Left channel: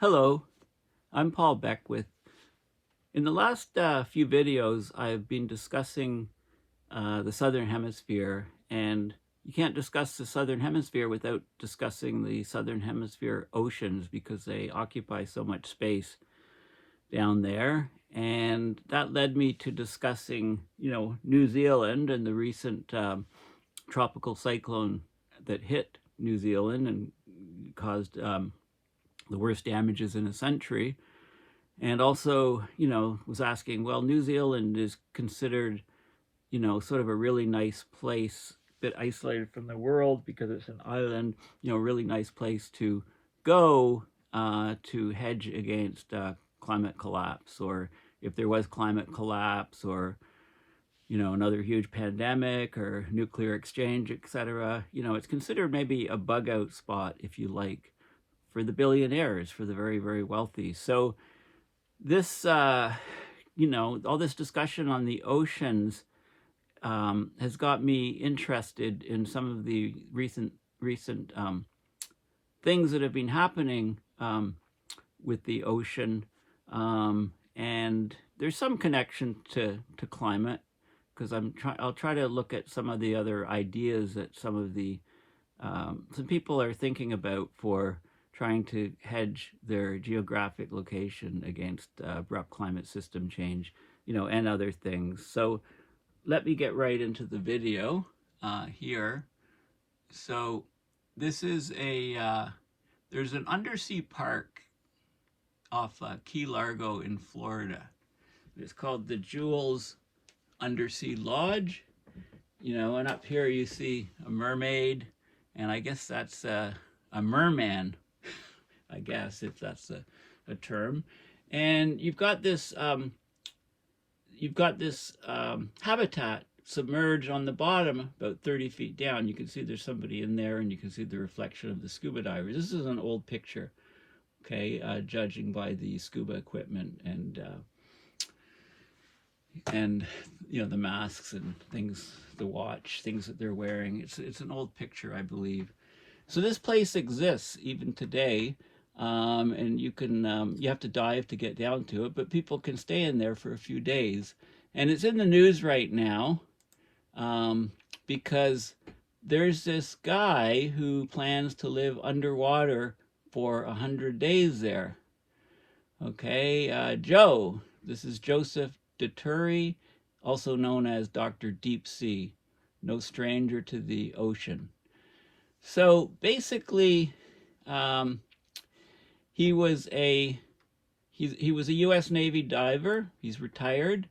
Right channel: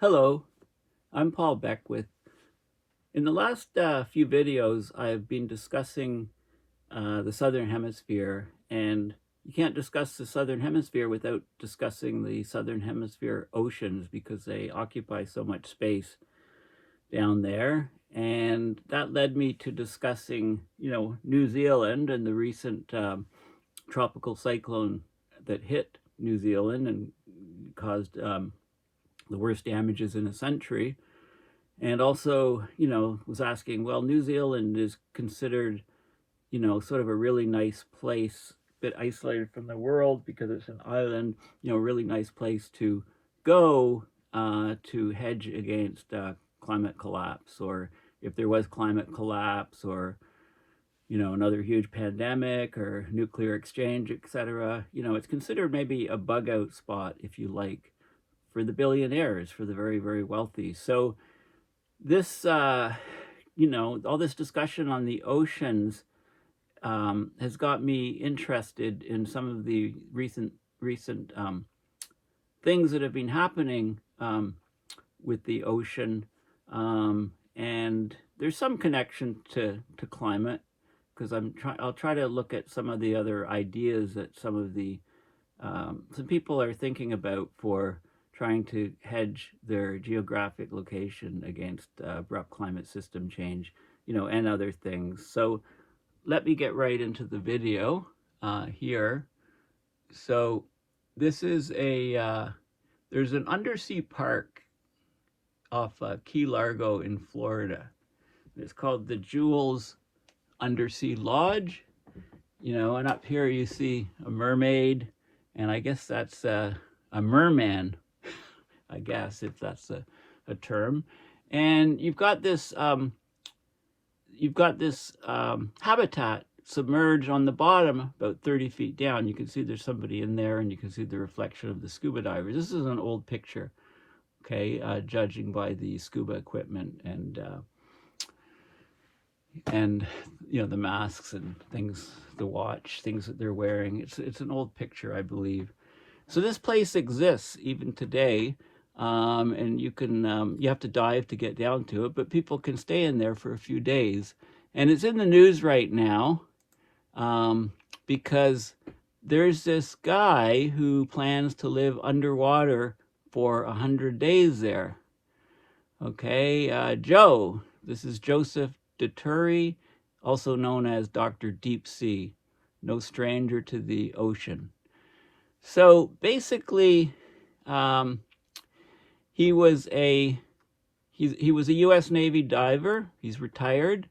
Hello, I'm Paul Beckwith. In the last few videos, I've been discussing the Southern Hemisphere, and you can't discuss the Southern Hemisphere without discussing the Southern Hemisphere oceans because they occupy so much space down there. And that led me to discussing, New Zealand and the recent tropical cyclone that hit New Zealand and caused the worst damages in a century. And also, was asking, well, New Zealand is considered, sort of a really nice place, a bit isolated from the world because it's an island, a really nice place to go to hedge against climate collapse, or if there was climate collapse, or another huge pandemic or nuclear exchange, etc. It's considered maybe a bug out spot, if you like, for the billionaires, for the very, very wealthy. So this, all this discussion on the oceans has got me interested in some of the recent things that have been happening with the ocean, and there's some connection to climate, because I'll try to look at some of the other ideas that some people are thinking about for trying to hedge their geographic location against abrupt climate system change, and other things. So let me get right into the video here. So this is there's an undersea park off Key Largo in Florida. It's called the Jules Undersea Lodge, and up here you see a mermaid, and I guess that's a merman, I guess, if that's a term. And you've got this habitat submerged on the bottom, about 30 feet down. You can see there's somebody in there, and you can see the reflection of the scuba divers. This is an old picture, okay, judging by the scuba equipment and the masks and things, the watch, things that they're wearing. It's an old picture, I believe. So this place exists even today, and you have to dive to get down to it, but people can stay in there for a few days. And it's in the news right now because there's this guy who plans to live underwater for 100 days there. Okay, this is Joseph Deturi, also known as Dr. Deep Sea, no stranger to the ocean. So basically, he was a U.S. Navy diver. He's retired.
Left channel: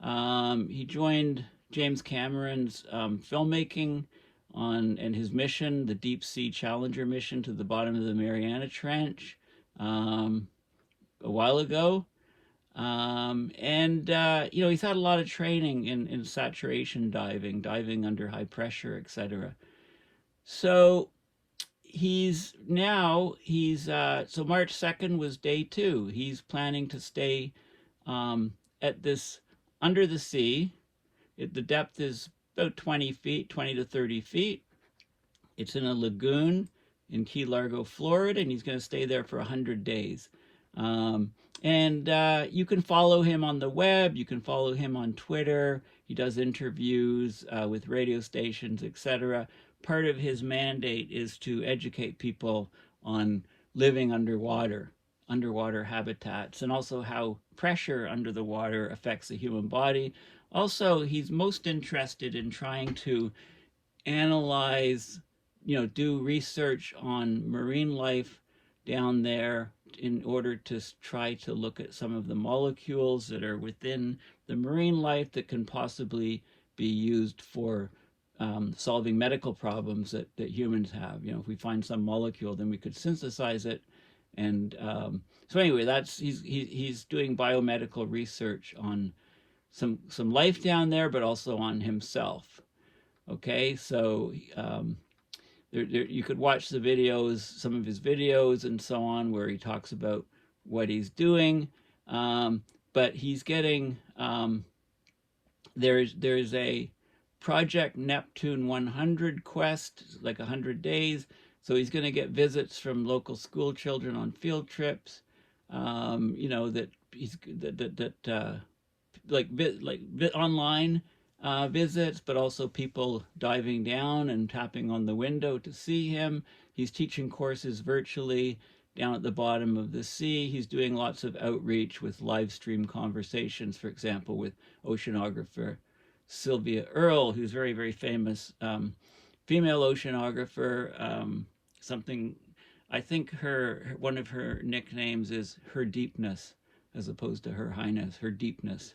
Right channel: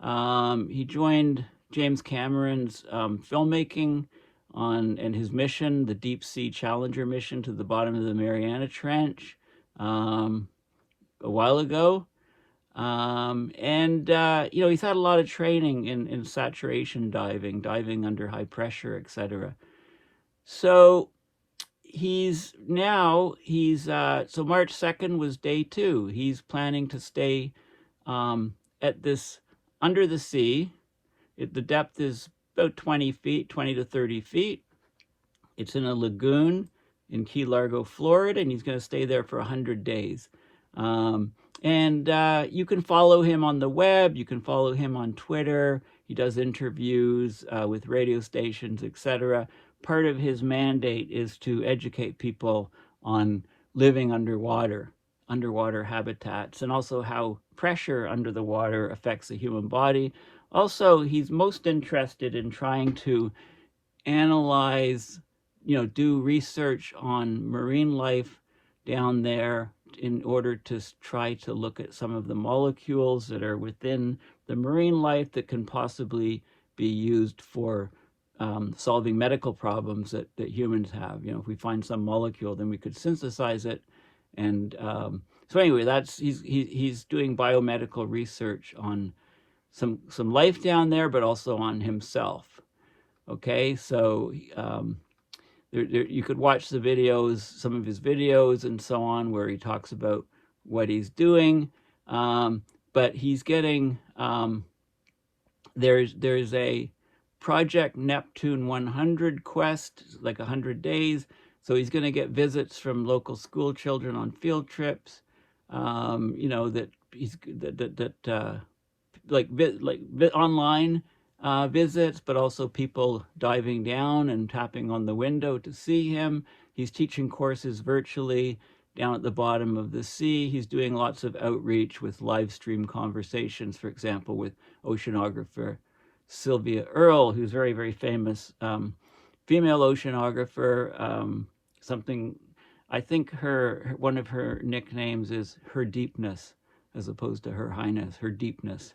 He joined James Cameron's filmmaking and his mission, the Deep Sea Challenger mission to the bottom of the Mariana Trench, a while ago. He's had a lot of training in saturation diving under high pressure, etc. So so March 2nd was day 2. He's planning to stay at this under the sea. The depth is about 20 to 30 feet. It's in a lagoon in Key Largo, Florida, and he's going to stay there for 100 days. You can follow him on the web. You can follow him on Twitter. He does interviews with radio stations, etc. Part of his mandate is to educate people on living underwater habitats, and also how pressure under the water affects the human body. Also, he's most interested in trying to analyze, do research on marine life down there in order to try to look at some of the molecules that are within the marine life that can possibly be used for solving medical problems that humans have. If we find some molecule, then we could synthesize it. And so anyway, he's doing biomedical research on some life down there, but also on himself. Okay, so you could watch some of his videos and so on, where he talks about what he's doing. But he's getting there's a Project Neptune 100 quest, like 100 days, So he's going to get visits from local school children on field trips. You know, that he's online visits, but also people diving down and tapping on the window to see him. He's teaching courses virtually down at the bottom of the sea. He's doing lots of outreach with live stream conversations, for example, with oceanographer Sylvia Earle, who's very, very famous female oceanographer. Something, I think one of her nicknames is Her Deepness, as opposed to Her Highness, Her Deepness.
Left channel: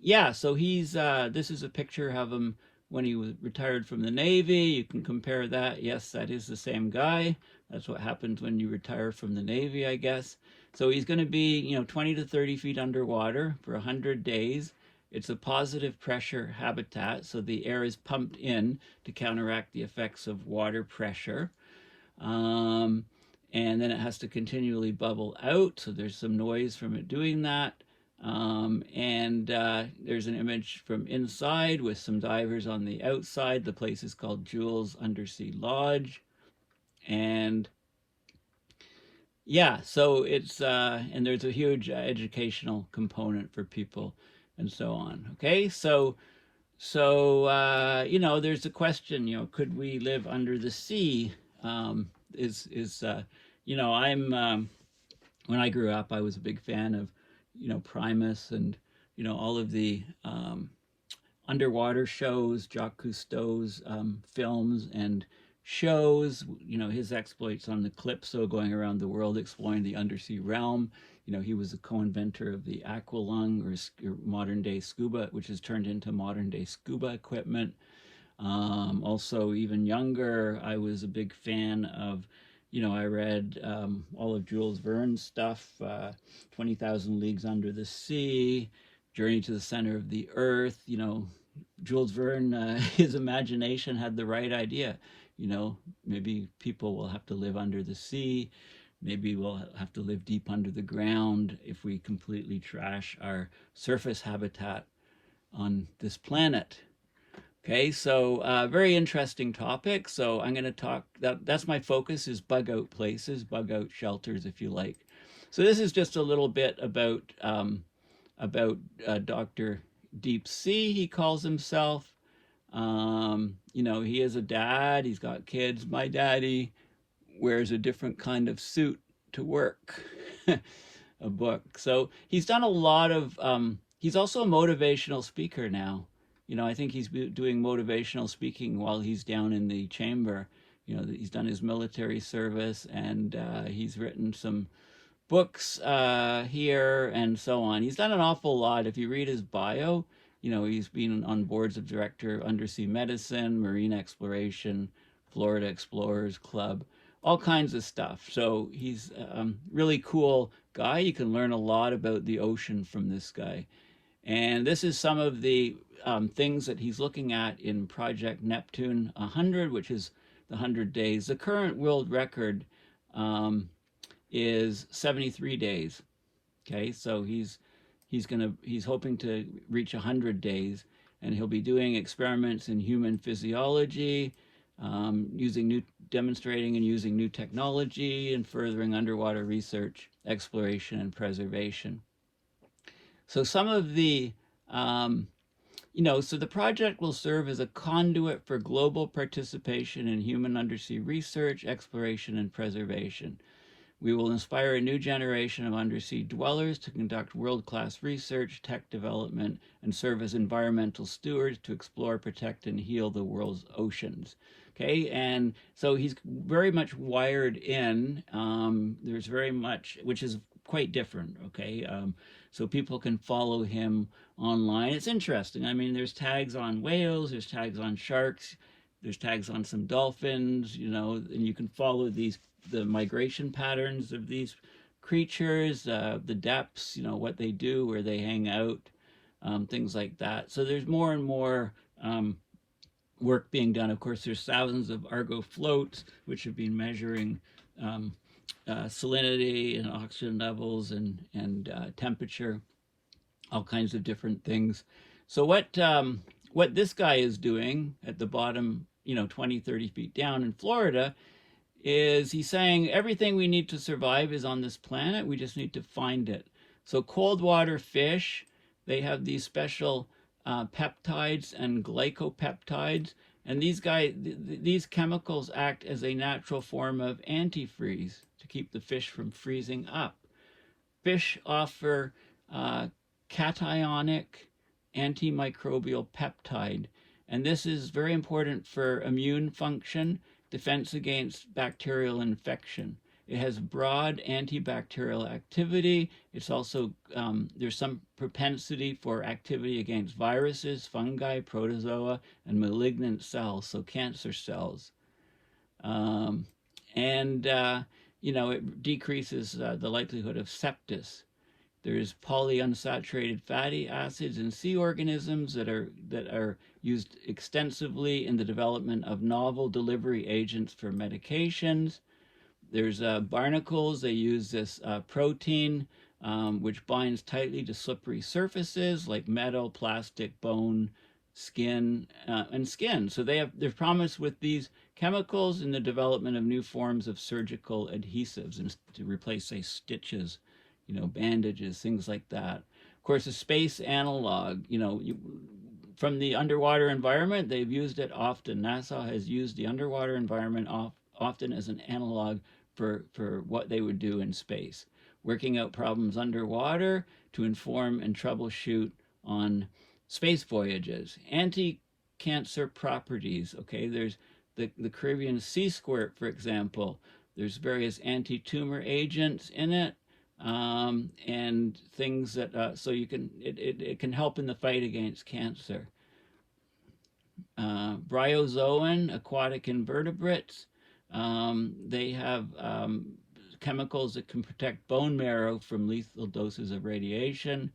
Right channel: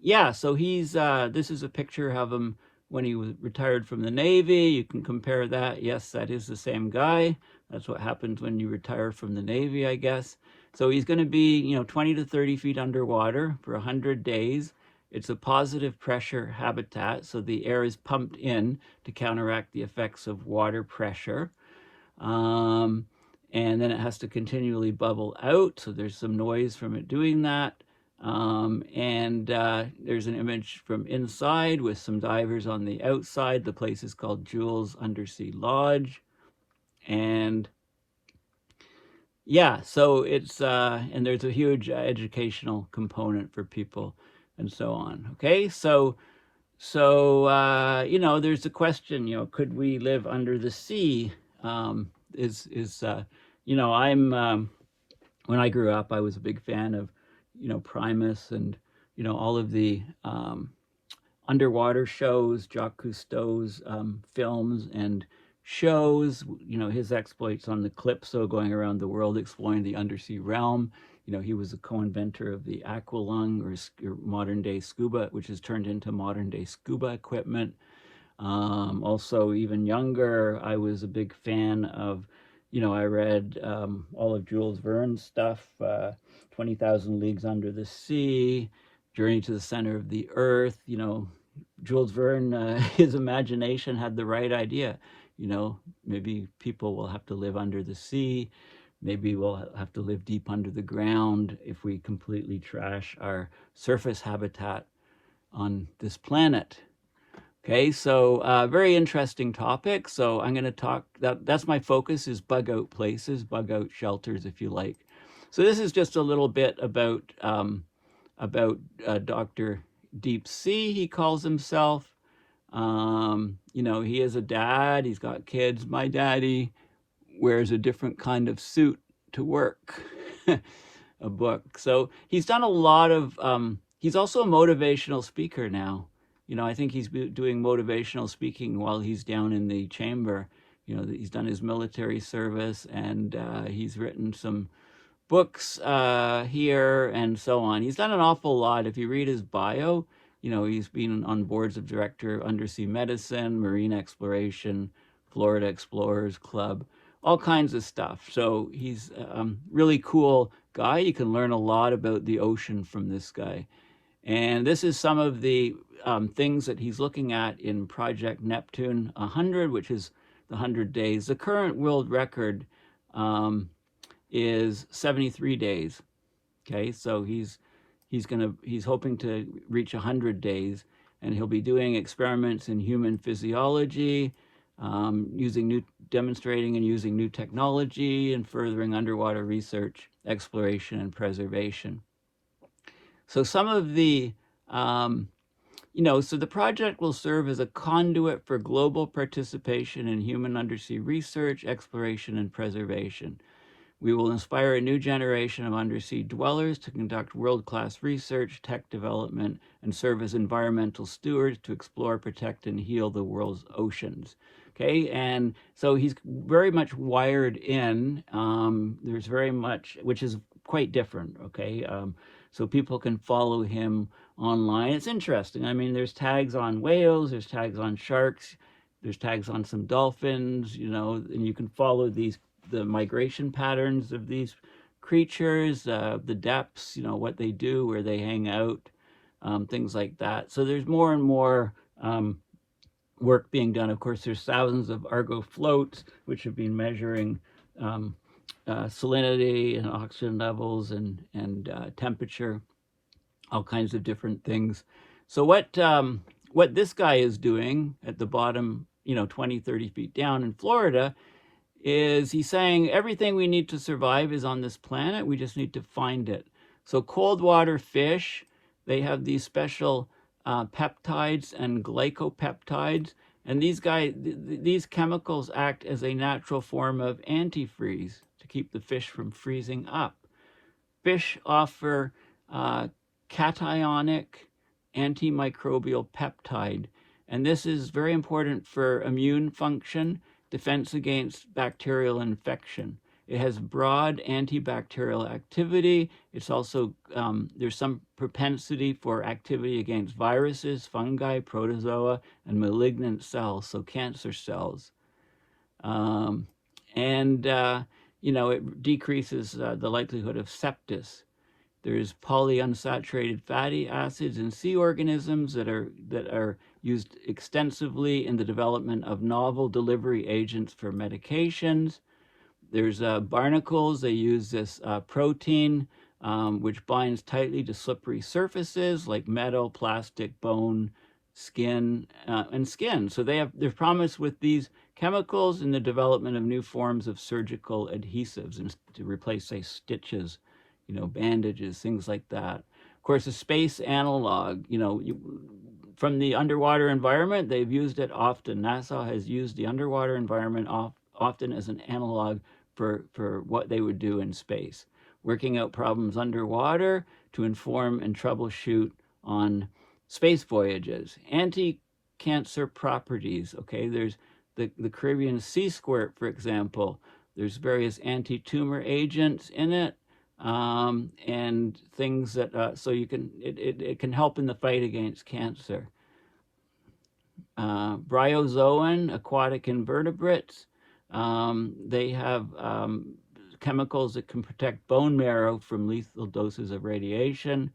Yeah, so he's, this is a picture of him when he was retired from the Navy. You can compare that. Yes, that is the same guy. That's what happens when you retire from the Navy, I guess. So he's going to be, you know, 20 to 30 feet underwater for 100 days. It's a positive pressure habitat, so the air is pumped in to counteract the effects of water pressure. And then it has to continually bubble out, so there's some noise from it doing that. There's an image from inside with some divers on the outside. The place is called Jules Undersea Lodge. And yeah, so it's, and there's a huge educational component for people and so on. Okay, so you know, there's a question, you know, could we live under the sea? You know, when I grew up, I was a big fan of, you know, Primus and, you know, all of the underwater shows, Jacques Cousteau's films and shows, you know, his exploits on the Calypso, going around the world exploring the undersea realm. You know, he was the co-inventor of the aqualung, or modern day scuba, which has turned into modern day scuba equipment. Also, even younger, I was a big fan of, you know, I read all of Jules Verne's stuff, 20,000 Leagues Under the Sea, Journey to the Center of the Earth. You know, Jules Verne, his imagination had the right idea. You know, maybe people will have to live under the sea. Maybe we'll have to live deep under the ground if we completely trash our surface habitat on this planet. Okay, so very interesting topic. So I'm going to talk, that's my focus, is bug out places, bug out shelters, if you like. So this is just a little bit about Dr. Deep Sea, he calls himself. You know, he is a dad, he's got kids. My daddy wears a different kind of suit to work. A book. So he's done a lot of, he's also a motivational speaker now. You know, I think he's doing motivational speaking while he's down in the chamber. You know, he's done his military service, and he's written some books here and so on. He's done an awful lot. If you read his bio, you know, he's been on boards of director, undersea medicine, marine exploration, Florida Explorers Club, all kinds of stuff. So he's a really cool guy. You can learn a lot about the ocean from this guy. And this is some of the things that he's looking at in Project Neptune 100, which is the 100 days. The current world record is 73 days. Okay, so he's hoping to reach 100 days, and he'll be doing experiments in human physiology, demonstrating and using new technology, and furthering underwater research, exploration, and preservation. So some of the, you know, so the project will serve as a conduit for global participation in human undersea research, exploration, and preservation. We will inspire a new generation of undersea dwellers to conduct world-class research, tech development, and serve as environmental stewards to explore, protect, and heal the world's oceans. Okay, and so he's very much wired in. There's very much, which is quite different, okay? So people can follow him online. It's interesting. I mean, there's tags on whales, there's tags on sharks, there's tags on some dolphins, you know, and you can follow the migration patterns of these creatures, the depths, you know, what they do, where they hang out, things like that. So there's more and more work being done. Of course, there's thousands of Argo floats, which have been measuring salinity and oxygen levels and temperature, all kinds of different things. So what what this guy is doing at the bottom, 20, 30 feet down in Florida, is he's saying everything we need to survive is on this planet. We just need to find it. So cold water fish, they have these special peptides and glycopeptides, and these chemicals act as a natural form of antifreeze to keep the fish from freezing up. Fish offer cationic antimicrobial peptide, and this is very important for immune function, defense against bacterial infection. It has broad antibacterial activity. It's also, there's some propensity for activity against viruses, fungi, protozoa, and malignant cells, so cancer cells. It decreases the likelihood of sepsis. There's polyunsaturated fatty acids in sea organisms that are used extensively in the development of novel delivery agents for medications. There's barnacles. They use this protein which binds tightly to slippery surfaces like metal, plastic, bone, skin, and skin. So there's promise with these chemicals in the development of new forms of surgical adhesives and to replace, say, stitches, bandages, things like that. Of course, a space analog, from the underwater environment, they've used it often. NASA has used the underwater environment often as an analog for what they would do in space, working out problems underwater to inform and troubleshoot on space voyages. Anti-cancer properties, okay? There's the Caribbean sea squirt, for example. There's various anti-tumor agents in it. And things that so it can help in the fight against cancer. Bryozoan, aquatic invertebrates, they have chemicals that can protect bone marrow from lethal doses of radiation,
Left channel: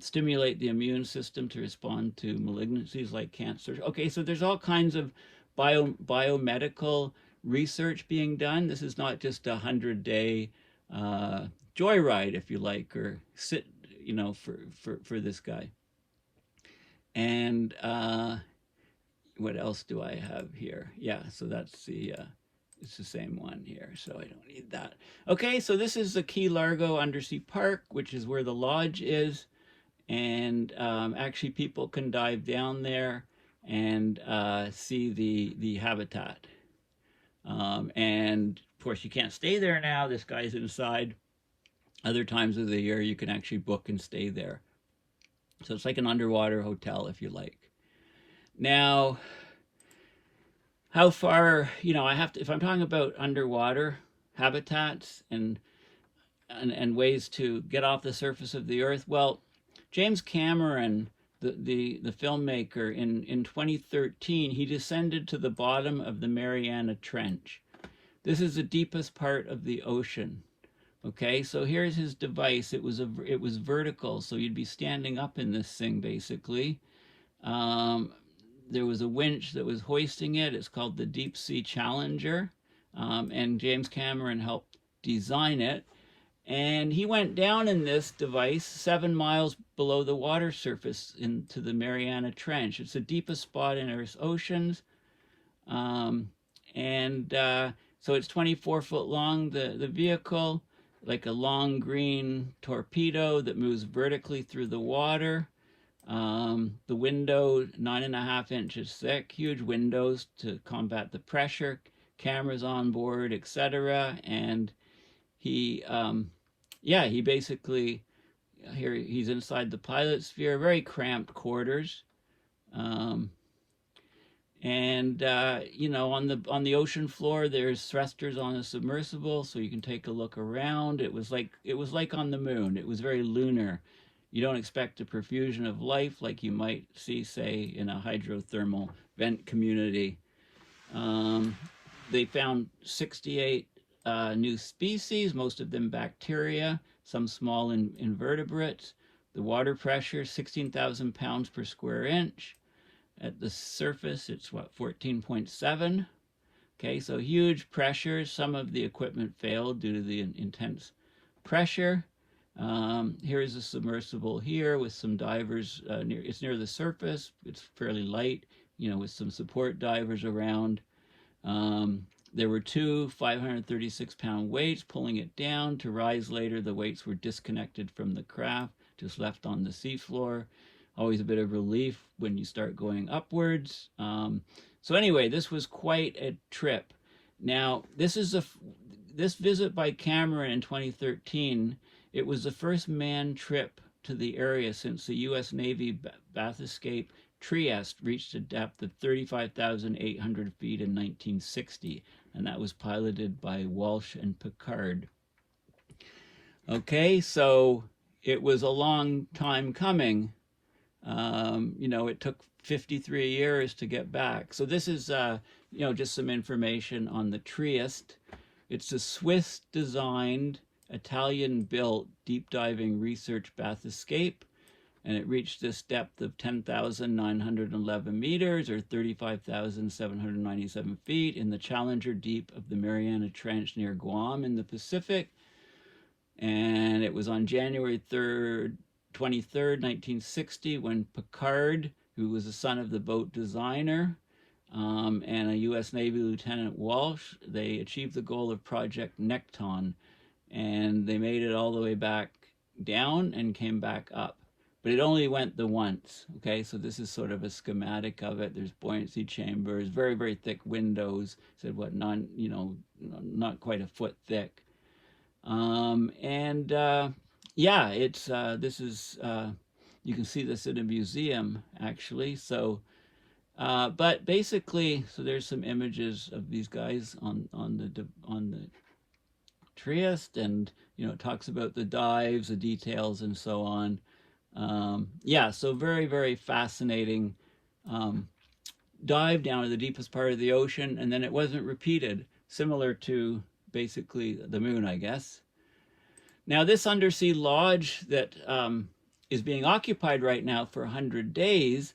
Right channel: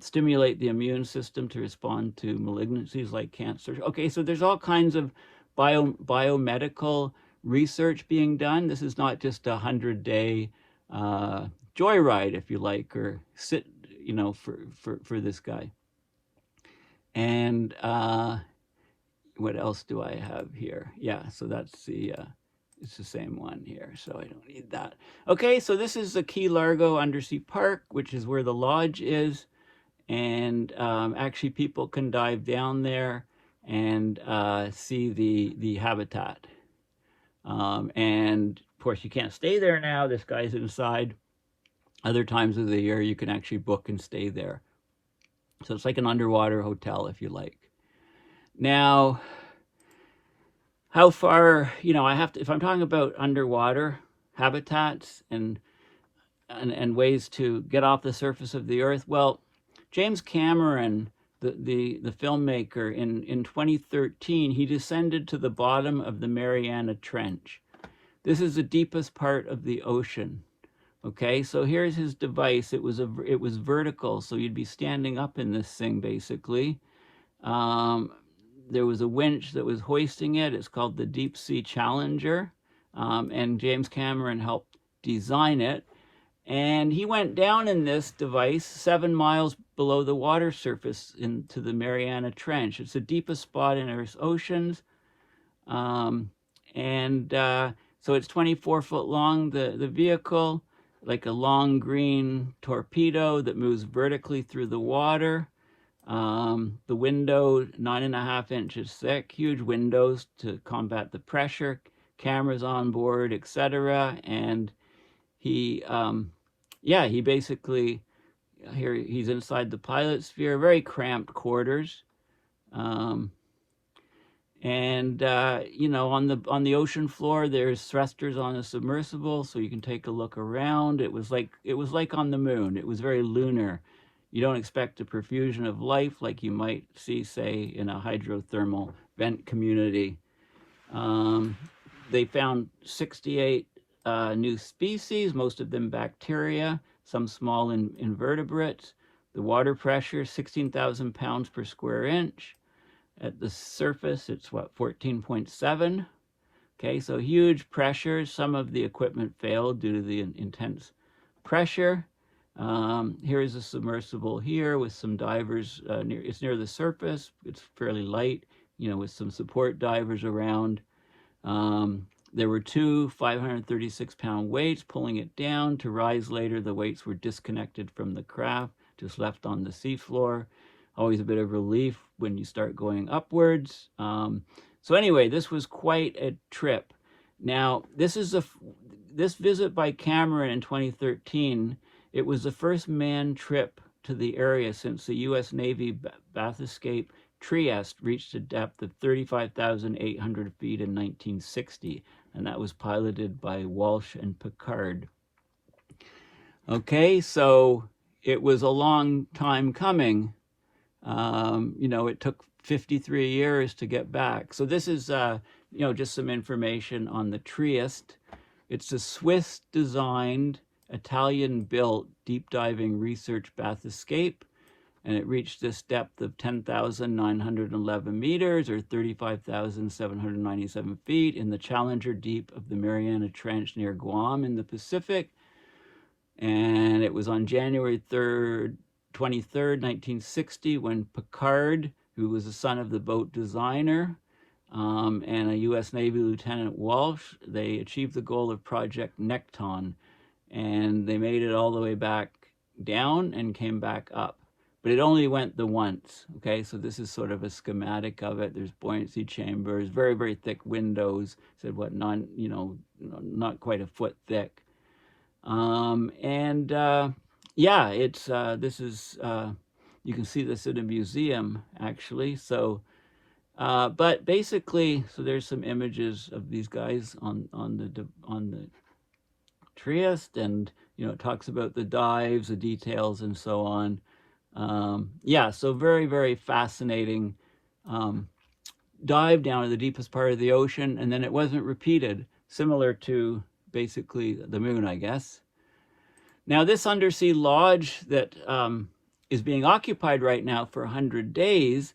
stimulate the immune system to respond to malignancies like cancer. Okay, so there's all kinds of biomedical research being done. This is not just a 100-day joyride, if you like, or sit, for this guy. And what else do I have here? Yeah, so that's it's the same one here, so I don't need that. Okay, so this is the Key Largo Undersea Park, which is where the lodge is, and actually people can dive down there and see the habitat. And of course you can't stay there now, this guy's inside. Other times of the year you can actually book and stay there. So it's like an underwater hotel, if you like. Now, how far, I have to, if I'm talking about underwater habitats and ways to get off the surface of the earth, well, James Cameron, the filmmaker, in 2013, he descended to the bottom of the Mariana Trench. This is the deepest part of the ocean. Okay, so here's his device. It was vertical, so you'd be standing up in this thing basically. There was a winch that was hoisting it. It's called the Deep Sea Challenger, and James Cameron helped design it. And he went down in this device 7 miles below the water surface into the Mariana Trench. It's the deepest spot in Earth's oceans. So it's 24 foot long, the vehicle, like a long green torpedo that moves vertically through the water. The window, 9.5 inches thick, huge windows to combat the pressure, cameras on board, etc. And he basically, here he's inside the pilot sphere, very cramped quarters. On the ocean floor, there's thrusters on a submersible, so you can take a look around. It was like on the moon. It was very lunar. You don't expect a profusion of life like you might see, say, in a hydrothermal vent community. They found 68 new species, most of them bacteria, some small invertebrates. The water pressure, 16,000 pounds per square inch. At the surface, it's 14.7. Okay, so huge pressure. Some of the equipment failed due to the intense pressure. Here's a submersible here with some divers. It's near the surface. It's fairly light, with some support divers around. There were two 536-pound weights pulling it down. To rise later, the weights were disconnected from the craft, just left on the seafloor. Always a bit of relief when you start going upwards. So anyway, this was quite a trip. Now, this visit by Cameron in 2013. It was the first manned trip to the area since the U.S. Navy bathyscaphe Trieste reached a depth of 35,800 feet in 1960, and that was piloted by Walsh and Pickard. Okay, so it was a long time coming. It took 53 years to get back. So this is, just some information on the Trieste. It's a Swiss-designed, Italian-built deep diving research bathyscaphe, and it reached this depth of 10,911 meters or 35,797 feet in the Challenger Deep of the Mariana Trench near Guam in the Pacific. And it was on January 23rd, 1960, when Pickard, who was the son of the boat designer, and a U.S. Navy Lieutenant Walsh, they achieved the goal of Project Nekton, and they made it all the way back down and came back up. But it only went the once, okay? So this is sort of a schematic of it. There's buoyancy chambers, very, very thick windows, said what, not quite a foot thick. Yeah, it's, this is, you can see this at a museum, actually. So, but basically, so there's some images of these guys on the Trieste, and, it talks about the dives, the details, and so on. Yeah, so very, very fascinating dive down to the deepest part of the ocean, and then it wasn't repeated, similar to basically the moon, I guess. Now, this undersea lodge that is being occupied right now for 100 days,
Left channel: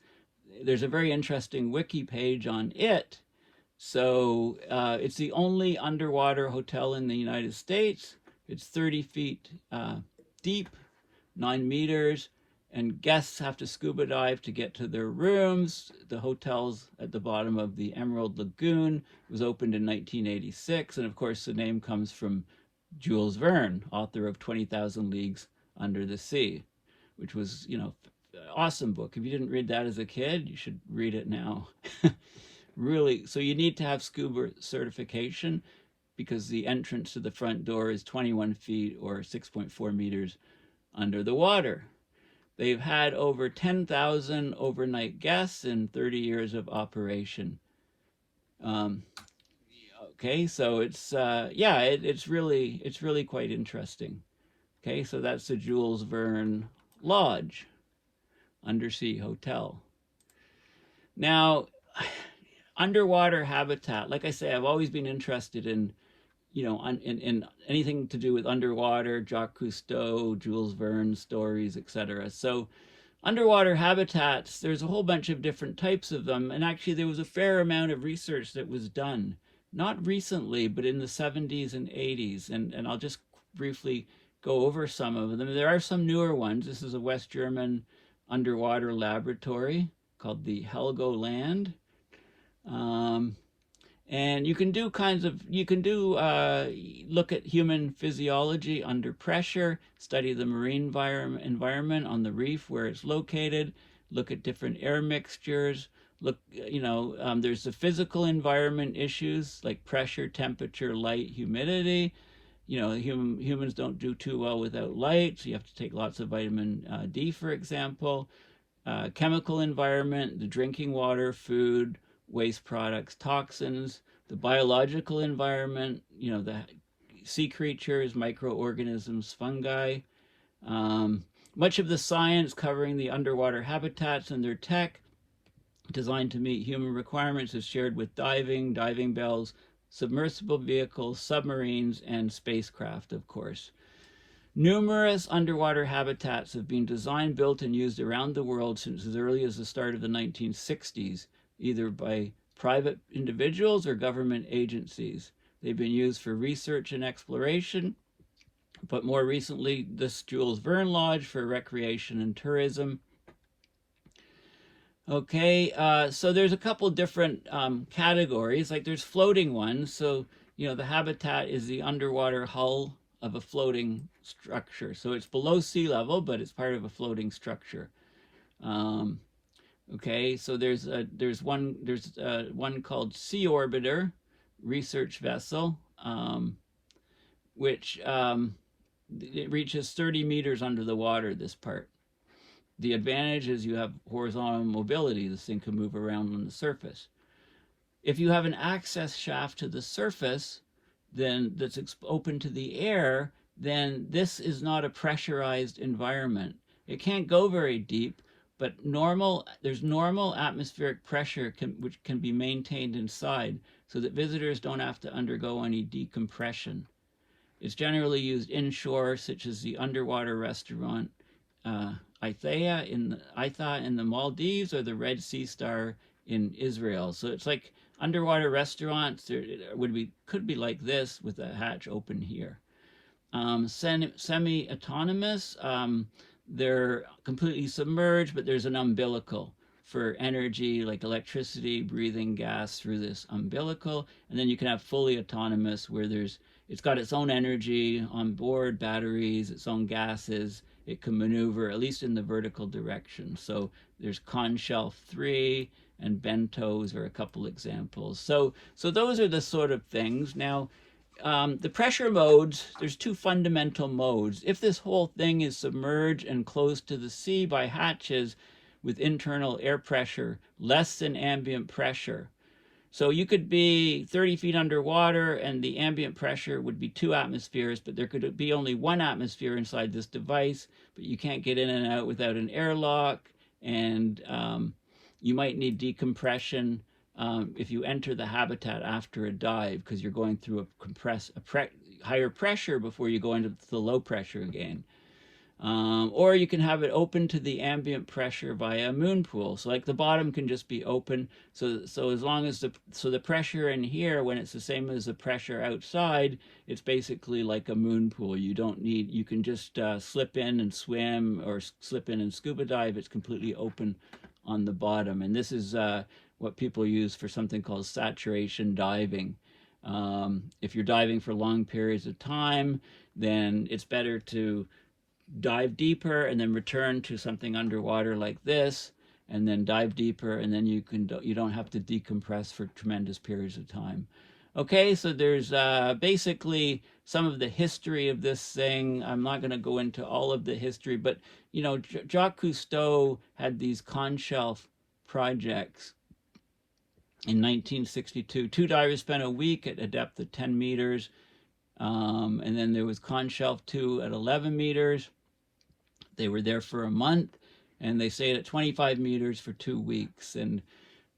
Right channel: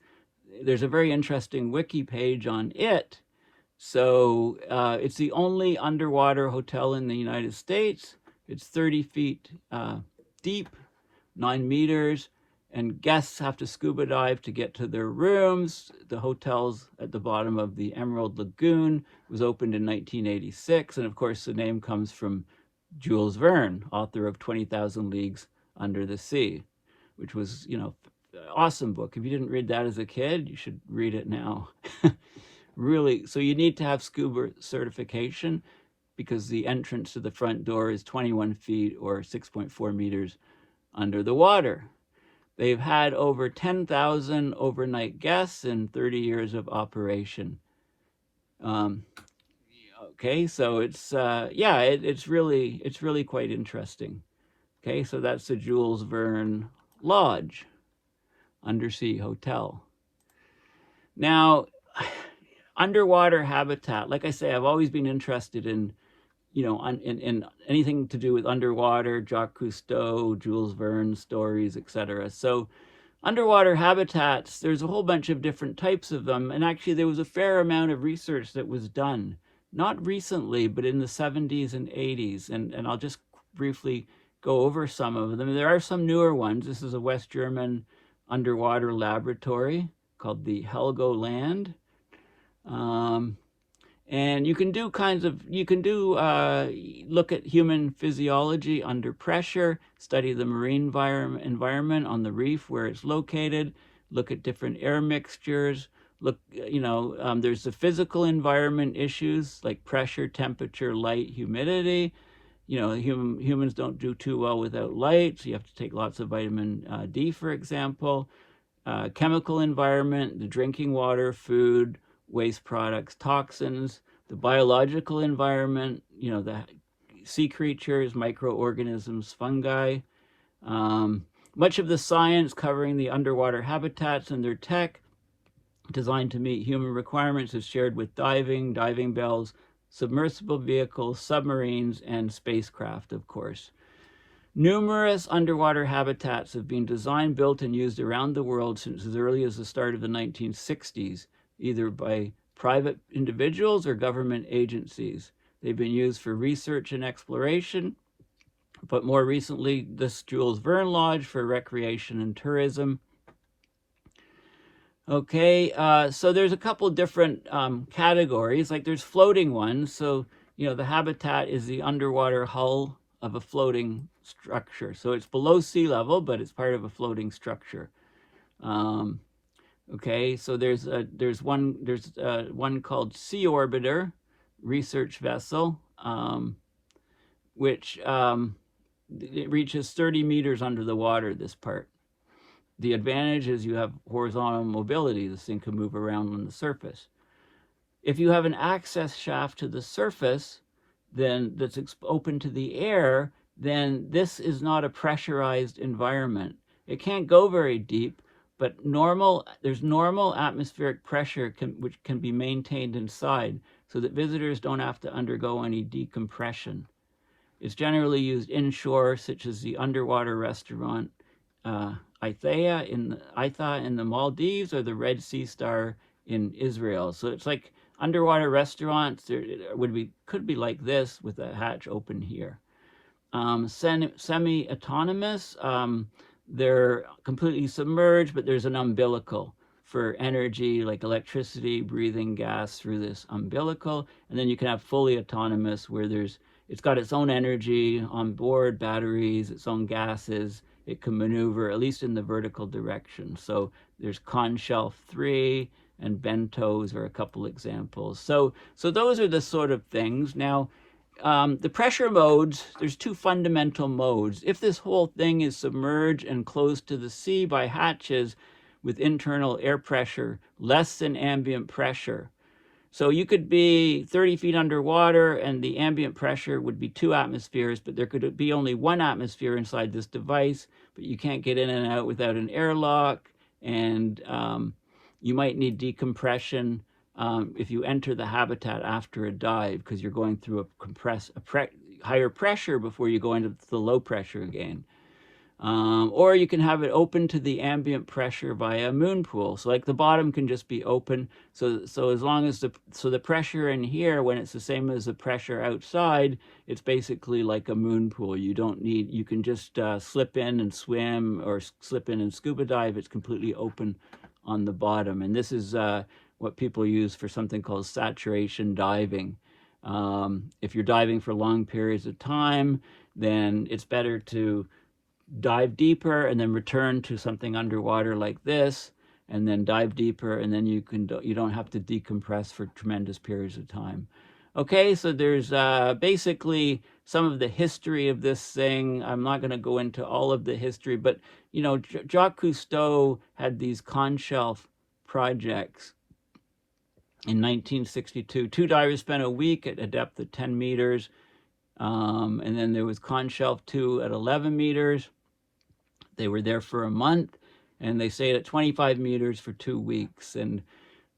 there's a very interesting wiki page on it. So it's the only underwater hotel in the United States. It's 30 feet deep, 9 meters, and guests have to scuba dive to get to their rooms. The hotel's at the bottom of the Emerald Lagoon. It was opened in 1986, and of course the name comes from Jules Verne, author of 20,000 Leagues Under the Sea, which was, awesome book. If you didn't read that as a kid, you should read it now. Really, so you need to have scuba certification because the entrance to the front door is 21 feet or 6.4 meters under the water. They've had over 10,000 overnight guests in 30 years of operation. Okay, so it's yeah, it's really quite interesting. Okay, so that's the Jules Verne Lodge, undersea hotel. Now, underwater habitat. Like I say, I've always been interested in, in anything to do with underwater, Jacques Cousteau, Jules Verne stories, etc. So underwater habitats, there's a whole bunch of different types of them. And actually there was a fair amount of research that was done, not recently, but in the 70s and 80s. And I'll just briefly go over some of them. There are some newer ones. This is a West German underwater laboratory called the Helgoland. And you can do look at human physiology under pressure, study the marine environment on the reef where it's located, look at different air mixtures, there's the physical environment issues like pressure, temperature, light, humidity. Humans don't do too well without light, so you have to take lots of vitamin D, for example. Chemical environment, the drinking water, food, waste products, toxins, the biological environment, the sea creatures, microorganisms, fungi. Much of the science covering the underwater habitats and their tech designed to meet human requirements is shared with diving bells, submersible vehicles, submarines, and spacecraft, of course. Numerous underwater habitats have been designed, built, and used around the world since as early as the start of the 1960s, either by private individuals or government agencies. They've been used for research and exploration, but more recently, this Jules Verne Lodge for recreation and tourism. Okay, so there's a couple different categories. Like there's floating ones. So, the habitat is the underwater hull of a floating structure. So it's below sea level, but it's part of a floating structure. Um, okay, so there's one called Sea Orbiter research vessel, which it reaches 30 meters under the water, this part. The advantage is you have horizontal mobility. This thing can move around on the surface. If you have an access shaft to the surface, then that's open to the air, then this is not a pressurized environment. It can't go very deep, but there's normal atmospheric pressure which can be maintained inside so that visitors don't have to undergo any decompression. It's generally used inshore, such as the underwater restaurant Aitha in the Maldives, or the Red Sea Star in Israel. So it's like underwater restaurants. Could be like this with a hatch open here. Semi-autonomous. They're completely submerged, but there's an umbilical for energy, like electricity, breathing gas through this umbilical. And then you can have fully autonomous, where it's got its own energy on board, batteries, its own gases. It can maneuver, at least in the vertical direction. So there's Conshelf 3 and Bentos are a couple examples. So those are the sort of things. Now, the pressure modes, there's two fundamental modes. If this whole thing is submerged and closed to the sea by hatches with internal air pressure less than ambient pressure, so you could be 30 feet underwater and the ambient pressure would be 2 atmospheres, but there could be only 1 atmosphere inside this device, but you can't get in and out without an airlock, and you might need decompression if you enter the habitat after a dive, because you're going through higher pressure before you go into the low pressure again. Or you can have it open to the ambient pressure via a moon pool. So like the bottom can just be open. So as long as the pressure in here, when it's the same as the pressure outside, it's basically like a moon pool. You can just slip in and swim, or slip in and scuba dive. It's completely open on the bottom. And this is what people use for something called saturation diving. If you're diving for long periods of time, then it's better to dive deeper and then return to something underwater like this, and then dive deeper, and then you don't have to decompress for tremendous periods of time. Okay, so there's basically some of the history of this thing. I'm not going to go into all of the history, but Jacques Cousteau had these Conshelf projects in 1962. 2 divers spent a week at a depth of 10 meters, and then there was Conshelf 2 at 11 meters. They were there for a month, and they stayed at 25 meters for 2 weeks. And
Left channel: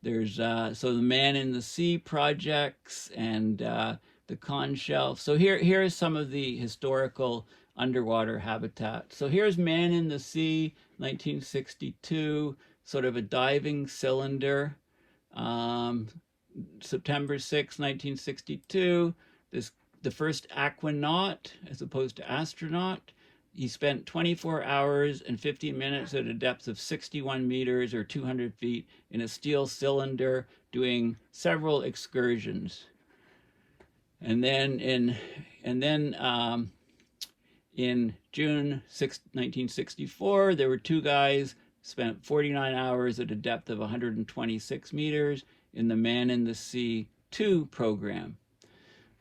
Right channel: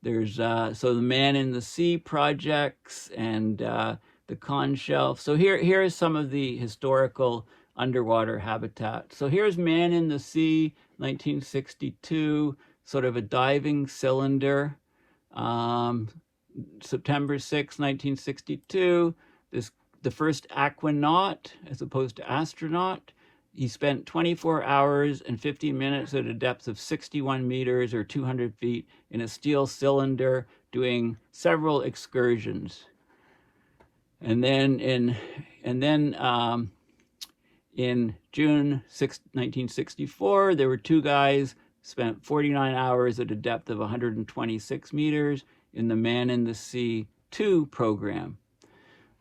there's so the Man in the Sea projects and the Conshelf. So here's some of the historical underwater habitat. So here's Man in the Sea, 1962, sort of a diving cylinder. September 6, 1962, the first aquanaut as opposed to astronaut. He spent 24 hours and 50 minutes at a depth of 61 meters or 200 feet in a steel cylinder doing several excursions. And then in June 6, 1964, there were 2 guys spent 49 hours at a depth of 126 meters in the Man in the Sea 2 program.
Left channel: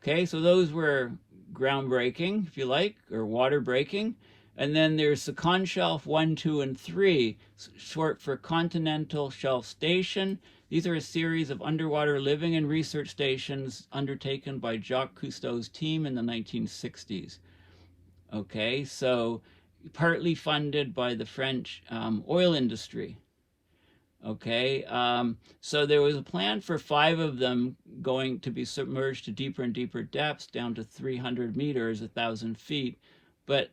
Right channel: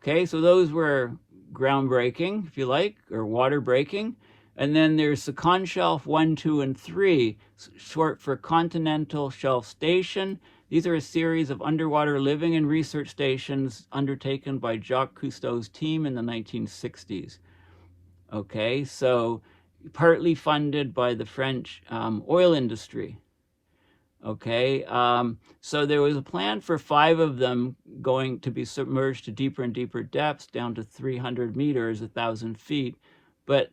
Okay, so those were groundbreaking, if you like, or water breaking. And then there's the Conshelf 1, 2, and 3, short for Continental Shelf Station. These are a series of underwater living and research stations undertaken by Jacques Cousteau's team in the 1960s. Okay, so partly funded by the French oil industry. Okay, so there was a plan for 5 of them going to be submerged to deeper and deeper depths, down to 300 meters, 1,000 feet. But,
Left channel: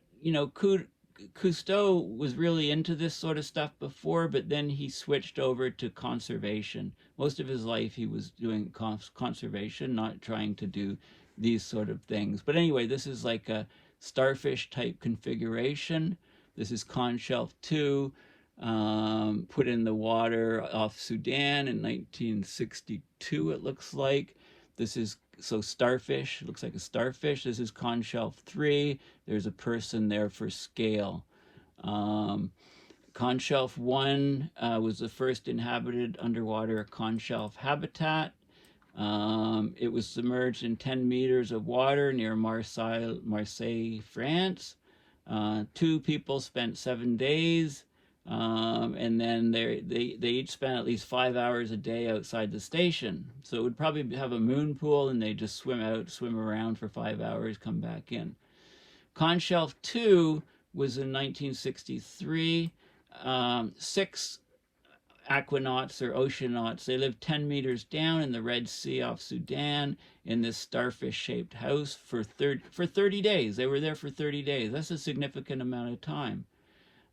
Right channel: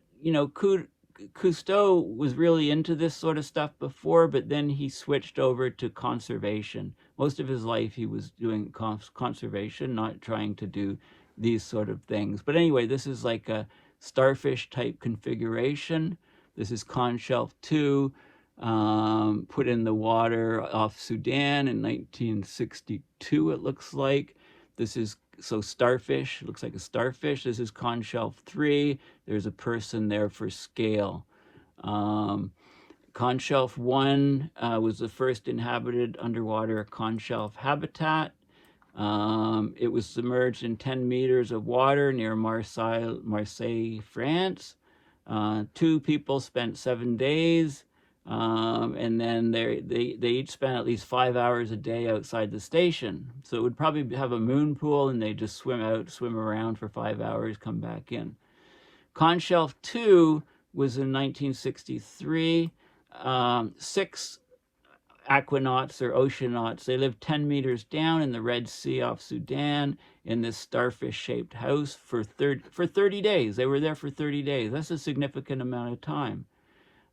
Cousteau was really into this sort of stuff before, but then he switched over to conservation. Most of his life he was doing conservation, not trying to do these sort of things. But anyway, this is like starfish type configuration. This is conch shelf 2, put in the water off Sudan in 1962, it looks like. This is, so starfish, it looks like a starfish. This is conch shelf 3. There's a person there for scale. Conch shelf 1 was the first inhabited underwater conch shelf habitat. It was submerged in 10 meters of water near Marseille, France. 2 people spent 7 days, and then they each spent at least 5 hours a day outside the station. So it would probably have a moon pool, and they just swim out, swim around for 5 hours, come back in. Conch shelf 2 was in 1963. 6 aquanauts or oceanauts, they lived 10 meters down in the Red Sea off Sudan in this starfish-shaped house for 30 days. They were there for 30 days. That's a significant amount of time.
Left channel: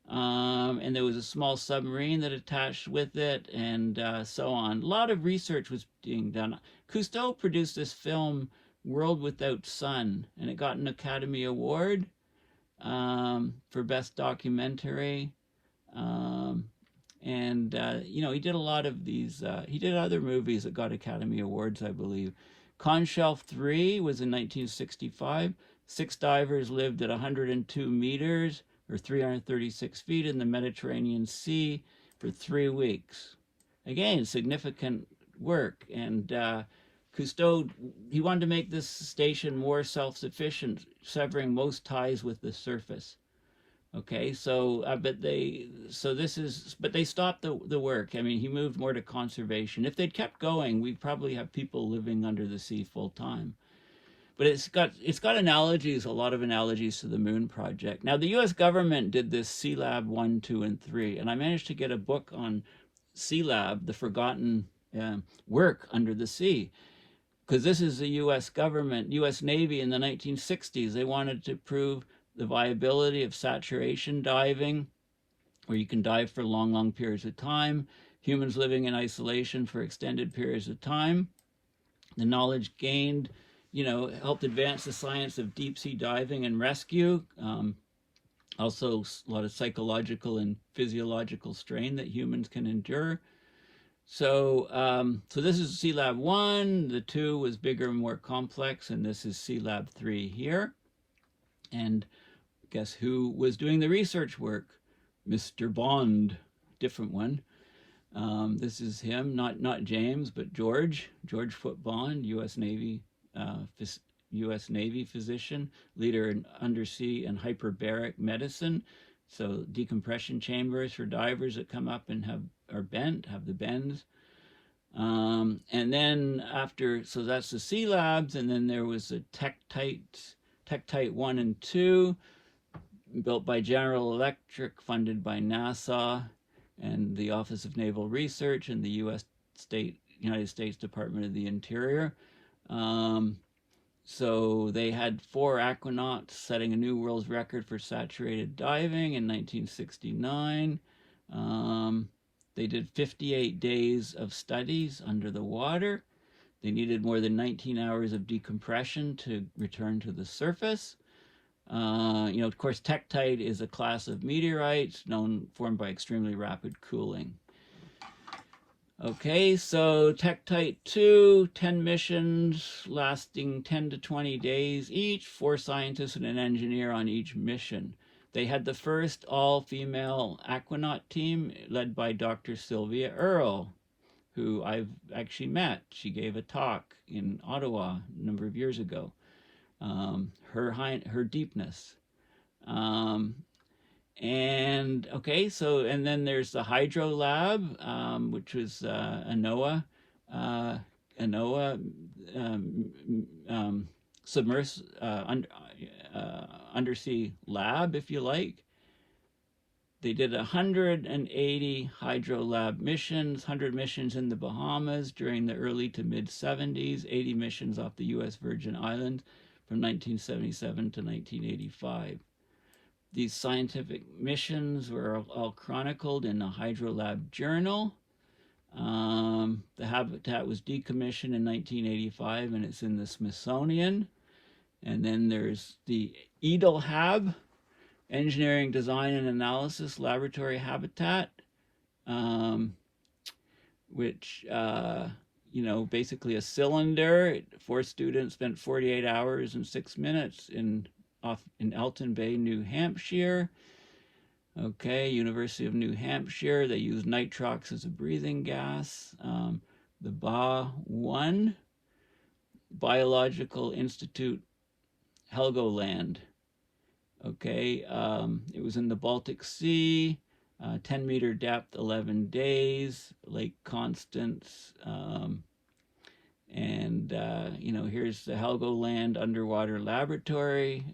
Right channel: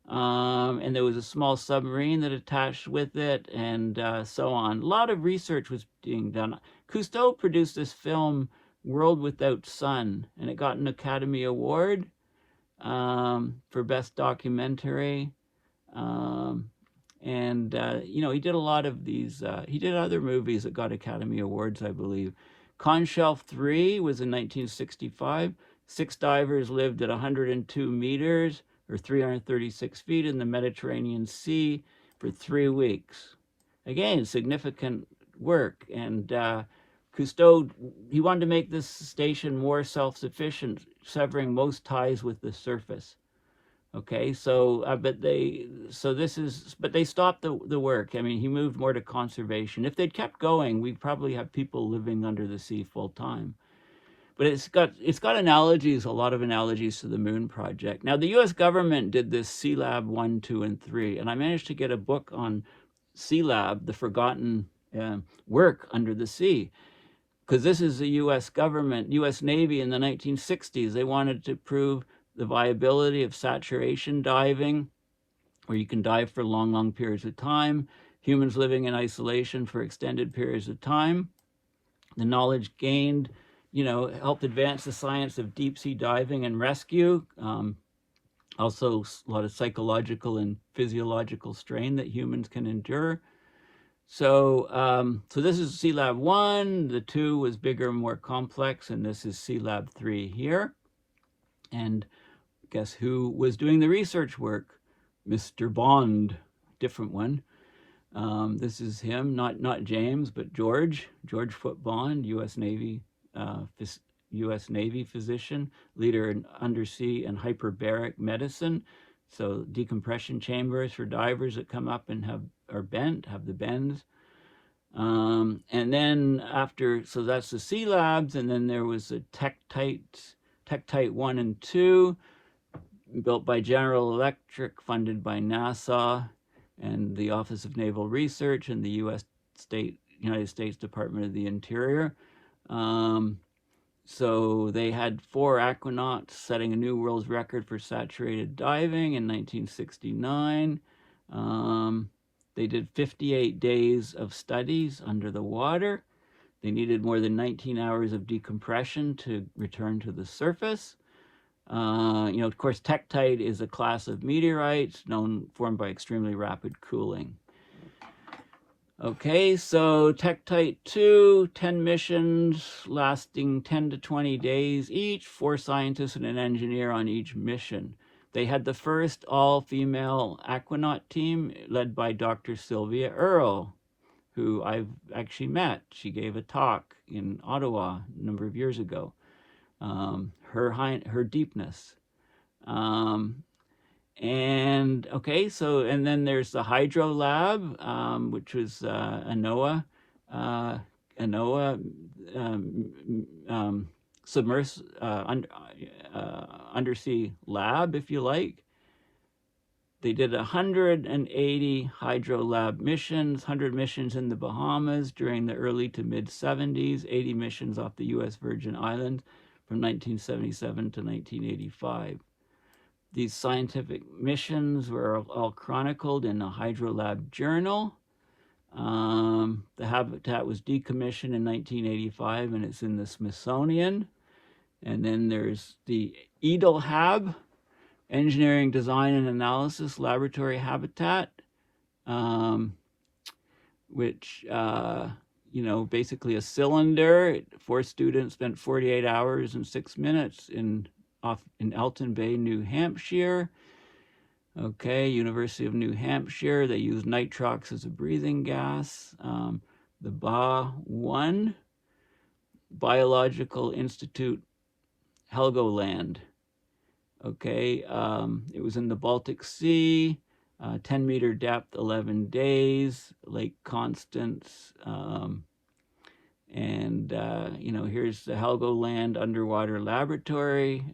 And there was a small submarine that attached with it, and so on. A lot of research was being done. Cousteau produced this film, World Without Sun, and it got an Academy Award for Best Documentary. You know, he did a lot of these, he did other movies that got Academy Awards, I believe. Conch shelf 3 was in 1965. 6 divers lived at 102 meters, or 336 feet in the Mediterranean Sea for 3 weeks. Again, significant work. And Cousteau, he wanted to make this station more self-sufficient, severing most ties with the surface. Okay, so but they stopped the work. I mean, he moved more to conservation. If they'd kept going, we'd probably have people living under the sea full time. But it's got analogies, a lot of analogies to the Moon Project. Now, the U.S. government did this Sealab 1, 2, and 3, and I managed to get a book on Sealab, the forgotten work under the sea, because this is the U.S. government, U.S. Navy in the 1960s. They wanted to prove the viability of saturation diving, where you can dive for long, long periods of time, humans living in isolation for extended periods of time. The knowledge gained, you know, helped advance the science of deep sea diving and rescue. Also, a lot of psychological and physiological strain that humans can endure. So, so this is Sealab 1. The 2 was bigger and more complex, and this is Sealab 3 here. And guess who was doing the research work? Mr. Bond, different one. This is him, not James, but George Foot Bond, U.S. Navy physician, leader in undersea and hyperbaric medicine. So decompression chambers for divers that come up and have the bends. And then after, so that's the Sea Labs, and then there was the Tektite 1 and 2, built by General Electric, funded by NASA and the Office of Naval Research and the United States Department of the Interior. So they had 4 aquanauts setting a new world record for saturated diving in 1969. They did 58 days of studies under the water. They needed more than 19 hours of decompression to return to the surface. You know, of course, Tektite is a class of meteorites formed by extremely rapid cooling. Okay, so Tektite 2, 10 missions lasting 10 to 20 days each, 4 scientists and an engineer on each mission. They had the first all-female aquanaut team led by Dr. Sylvia Earle, who I've actually met. She gave a talk in Ottawa a number of years ago. Her deepness. And okay, so, and then there's the Hydro Lab, which was a NOAA undersea lab, if you like. They did 180 Hydro Lab missions, 100 missions in the Bahamas during the early to mid 70s, 80 missions off the U.S. Virgin Islands from 1977 to 1985. These scientific missions were all chronicled in the Hydro Lab Journal. The habitat was decommissioned in 1985, and it's in the Smithsonian. And then there's the Edelhab, Engineering, Design, and Analysis Laboratory Habitat, um, which, basically a cylinder. 4 students spent 48 hours and 6 minutes in Elton Bay, New Hampshire. Okay, University of New Hampshire, they use nitrox as a breathing gas. The BA-1, Biological Institute, Helgoland. Okay, it was in the Baltic Sea, 10-meter depth, 11 days, Lake Constance. Here's the Helgoland Underwater Laboratory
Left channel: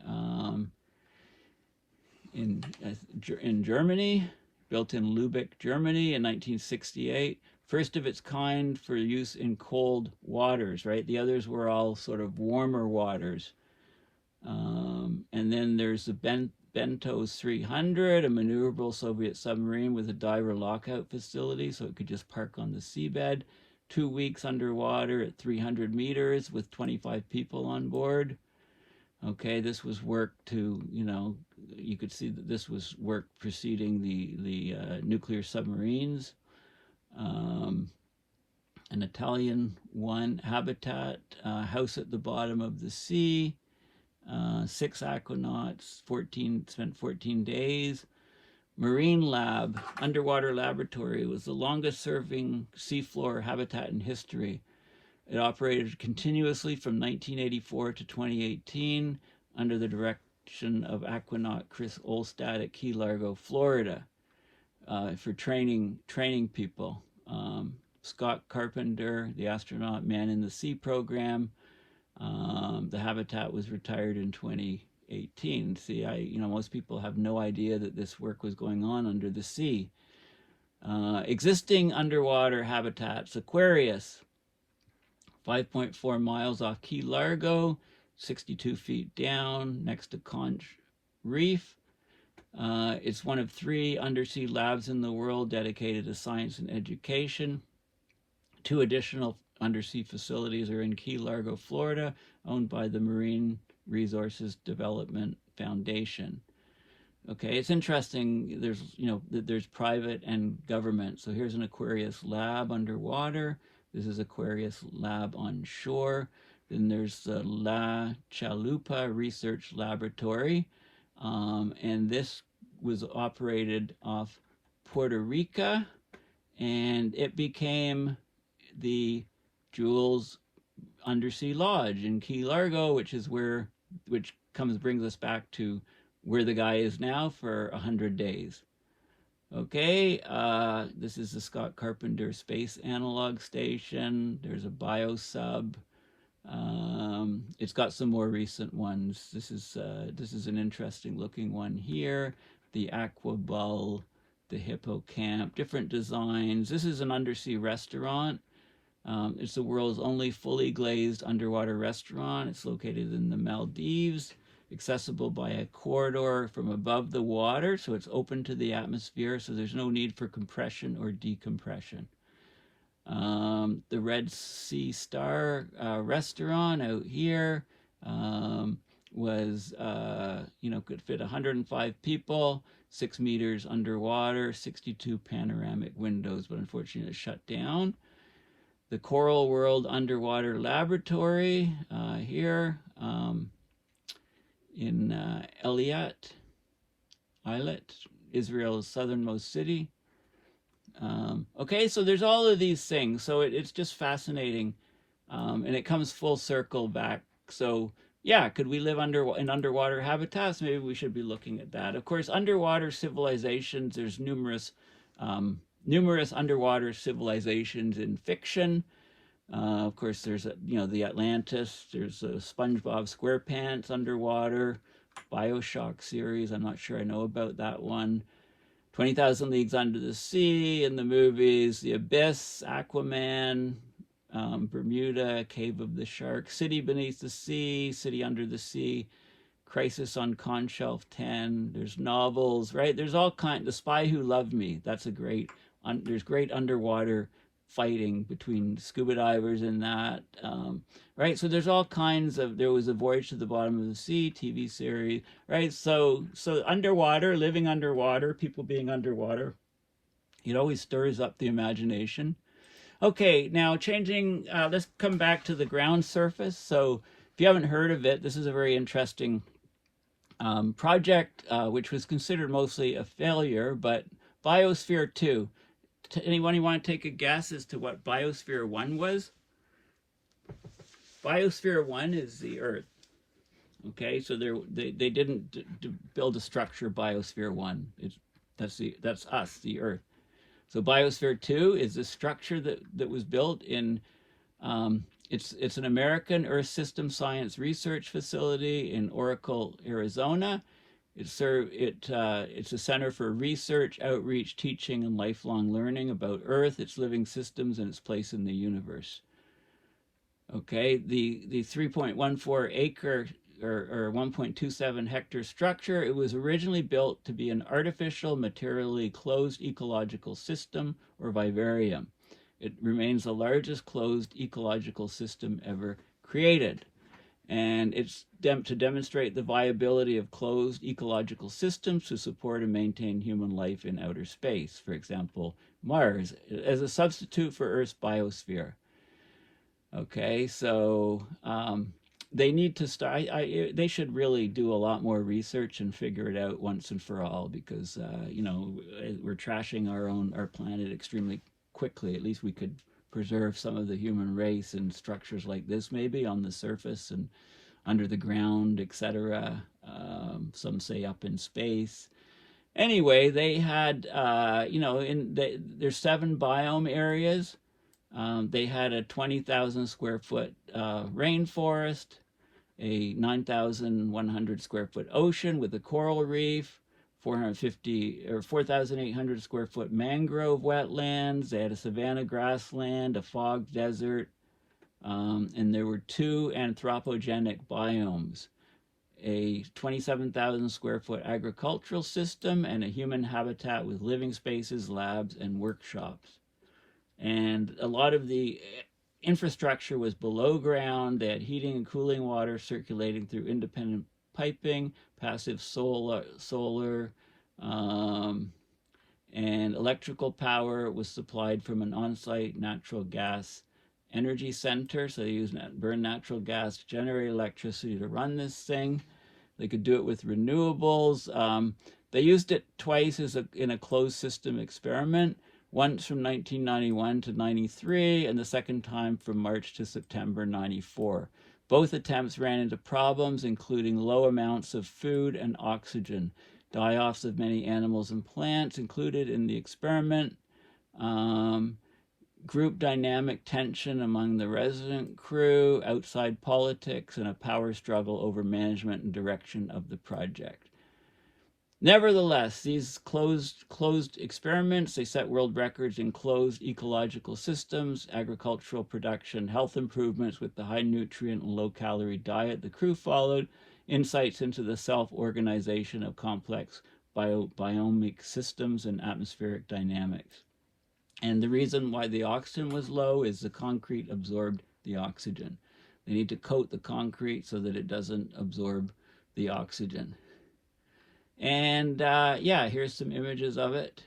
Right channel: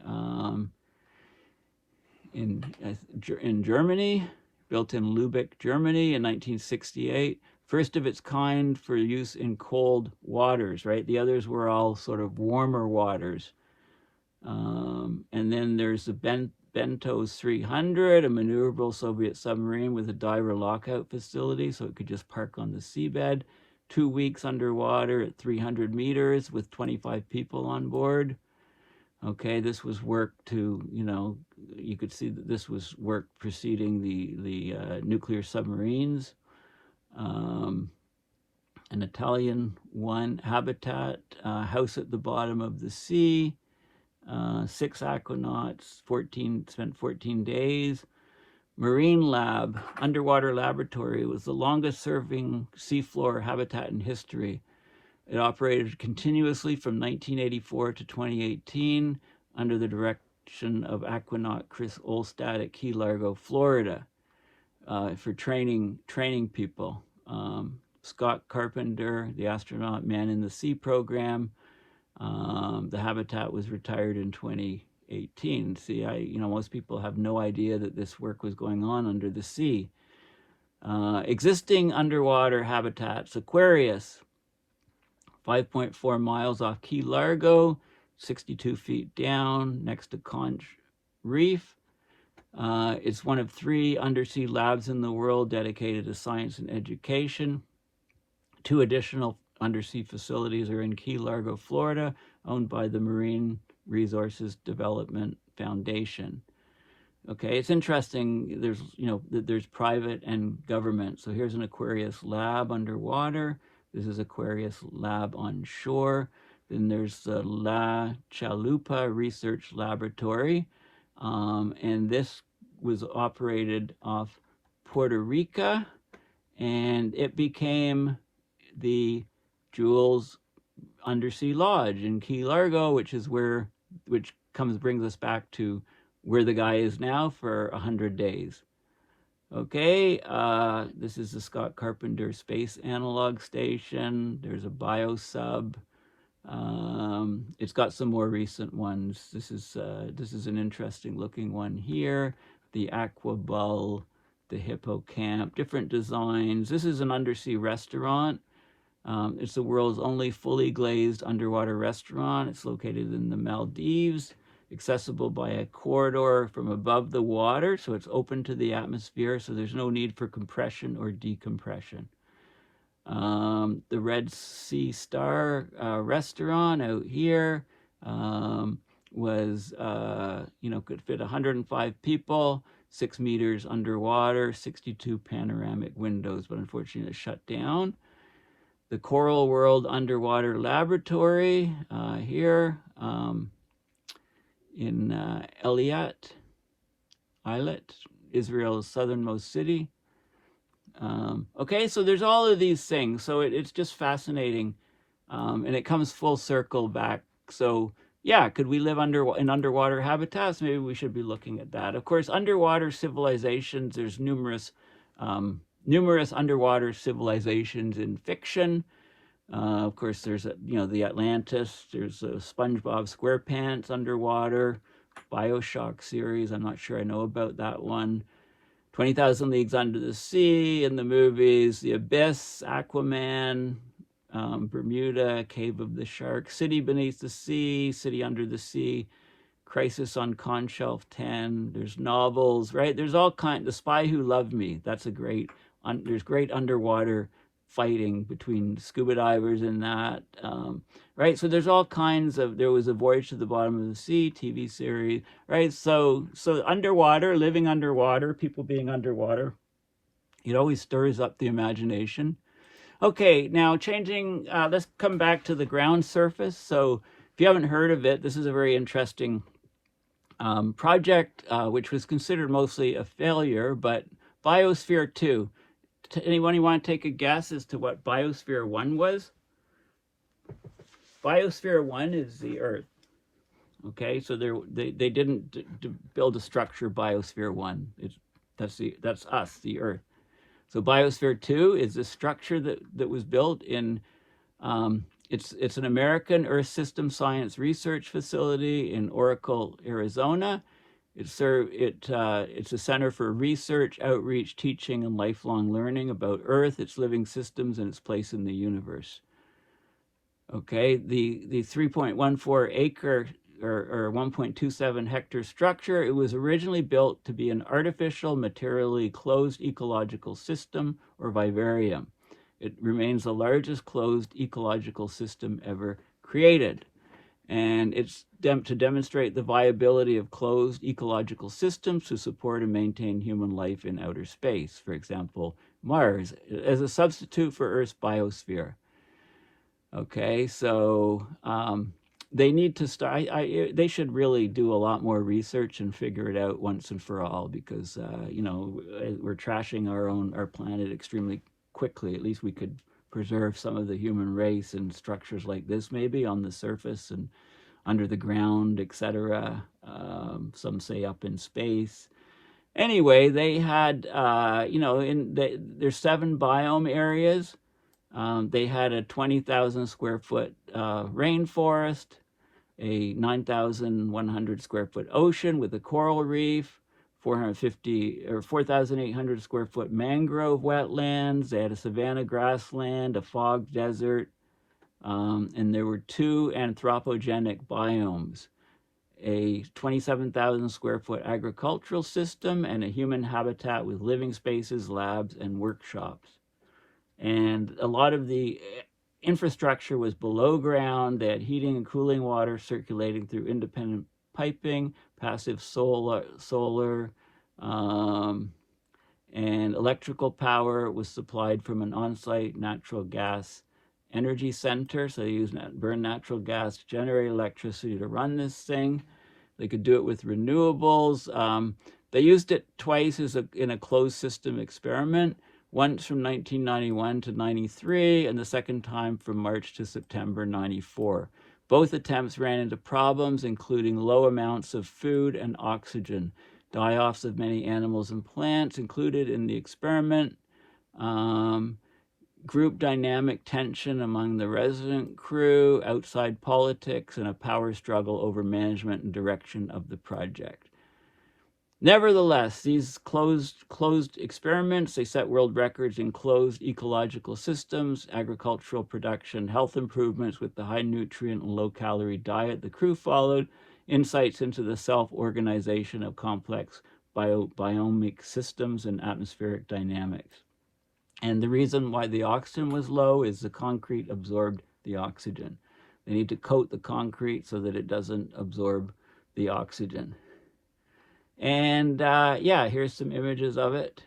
in Germany, built in Lübeck, Germany in 1968. First of its kind for use in cold waters, right? The others were all sort of warmer waters. And then there's the Bentos 300, a maneuverable Soviet submarine with a diver lockout facility, so it could just park on the seabed. 2 weeks underwater at 300 meters with 25 people on board. Okay, this was work to, you could see that this was work preceding the nuclear submarines. An Italian one, Habitat, House at the Bottom of the Sea. 6 aquanauts, spent 14 days. Marine Lab, Underwater Laboratory, was the longest serving seafloor habitat in history. It operated continuously from 1984 to 2018 under the direction of aquanaut Chris Olstad at Key Largo, Florida, for training people. Scott Carpenter, the astronaut Man in the Sea program. The habitat was retired in 2018. See, most people have no idea that this work was going on under the sea. Existing underwater habitats: Aquarius, 5.4 miles off Key Largo, 62 feet down next to Conch Reef. It's one of 3 undersea labs in the world dedicated to science and education. 2 additional undersea facilities are in Key Largo, Florida, owned by the Marine Resources Development Foundation. Okay, it's interesting. There's private and government. So here's an Aquarius lab underwater. This is Aquarius lab on shore. Then there's the La Chalupa Research Laboratory. And this was operated off Puerto Rico. And it became the Jules Undersea Lodge in Key Largo, which brings us back to where the guy is now for 100 days. Okay, this is the Scott Carpenter Space Analog Station. There's a biosub. It's got some more recent ones. This is an interesting looking one here. The Aquabull, the Hippocamp, different designs. This is an undersea restaurant. It's the world's only fully glazed underwater restaurant. It's located in the Maldives, accessible by a corridor from above the water, so it's open to the atmosphere, so there's no need for compression or decompression. The Red Sea Star restaurant out here was, could fit 105 people, 6 meters underwater, 62 panoramic windows, but unfortunately it's shut down. The Coral World Underwater Laboratory here in Eilat, Israel's southernmost city. Okay, so there's all of these things. So it's just fascinating, and it comes full circle back. So yeah, could we live in underwater habitats? Maybe we should be looking at that. Of course, underwater civilizations. There's numerous underwater civilizations in fiction. Of course, there's the Atlantis. There's SpongeBob SquarePants underwater, BioShock series. I'm not sure I know about that one. 20,000 Leagues Under the Sea in the movies, The Abyss, Aquaman, Bermuda, Cave of the Shark, City Beneath the Sea, City Under the Sea, Crisis on Conch Shelf 10. There's novels, right? There's all kinds. The Spy Who Loved Me. That's there's great underwater fighting between scuba divers and that, right? So there's all kinds of, there was a Voyage to the Bottom of the Sea TV series, right? So underwater, living underwater, people being underwater, it always stirs up the imagination. Okay, now changing, let's come back to the ground surface. So if you haven't heard of it, this is a very interesting project, which was considered mostly a failure, but Biosphere 2. Anyone want to take a guess as to what Biosphere 1 was? Biosphere 1 is the Earth. Okay, so they didn't build a structure Biosphere 1. That's us, the Earth. So Biosphere 2 is a structure that was built in, it's an American Earth System Science Research Facility in Oracle, Arizona. It's a center for research, outreach, teaching, and lifelong learning about Earth, its living systems, and its place in the universe. Okay, the 3.14 acre or 1.27 hectare structure, it was originally built to be an artificial, materially closed ecological system, or vivarium. It remains the largest closed ecological system ever created. And it's to demonstrate the viability of closed ecological systems to support and maintain human life in outer space. For example, Mars, as a substitute for Earth's biosphere. Okay, so they need to start, they should really do a lot more research and figure it out once and for all, because, you know, we're trashing our planet extremely quickly. At least we could preserve some of the human race and structures like this, maybe on the surface and under the ground, etc. Some say up in space. Anyway, they had, you know, there's 7 biome areas. They had a 20,000 square foot rainforest, a 9,100 square foot ocean with a coral reef, 450 or 4,800 square foot mangrove wetlands. They had a savanna grassland, a fog desert, and there were 2 anthropogenic biomes, a 27,000 square foot agricultural system, and a human habitat with living spaces, labs, and workshops. And a lot of the infrastructure was below ground. They had heating and cooling water circulating through independent piping, passive solar, and electrical power was supplied from an on-site natural gas energy center. So they burn natural gas to generate electricity to run this thing. They could do it with renewables. They used it twice in a closed system experiment. Once from 1991 to 93, and the second time from March to September 94. Both attempts ran into problems, including low amounts of food and oxygen, die-offs of many animals and plants included in the experiment, group dynamic tension among the resident crew, outside politics, and a power struggle over management and direction of the project. Nevertheless, these closed experiments, they set world records in closed ecological systems, agricultural production, health improvements with the high nutrient and low calorie diet the crew followed, insights into the self-organization of complex biomic systems and atmospheric dynamics. And the reason why the oxygen was low is the concrete absorbed the oxygen. They need to coat the concrete so that it doesn't absorb the oxygen. And yeah, here's some images of it.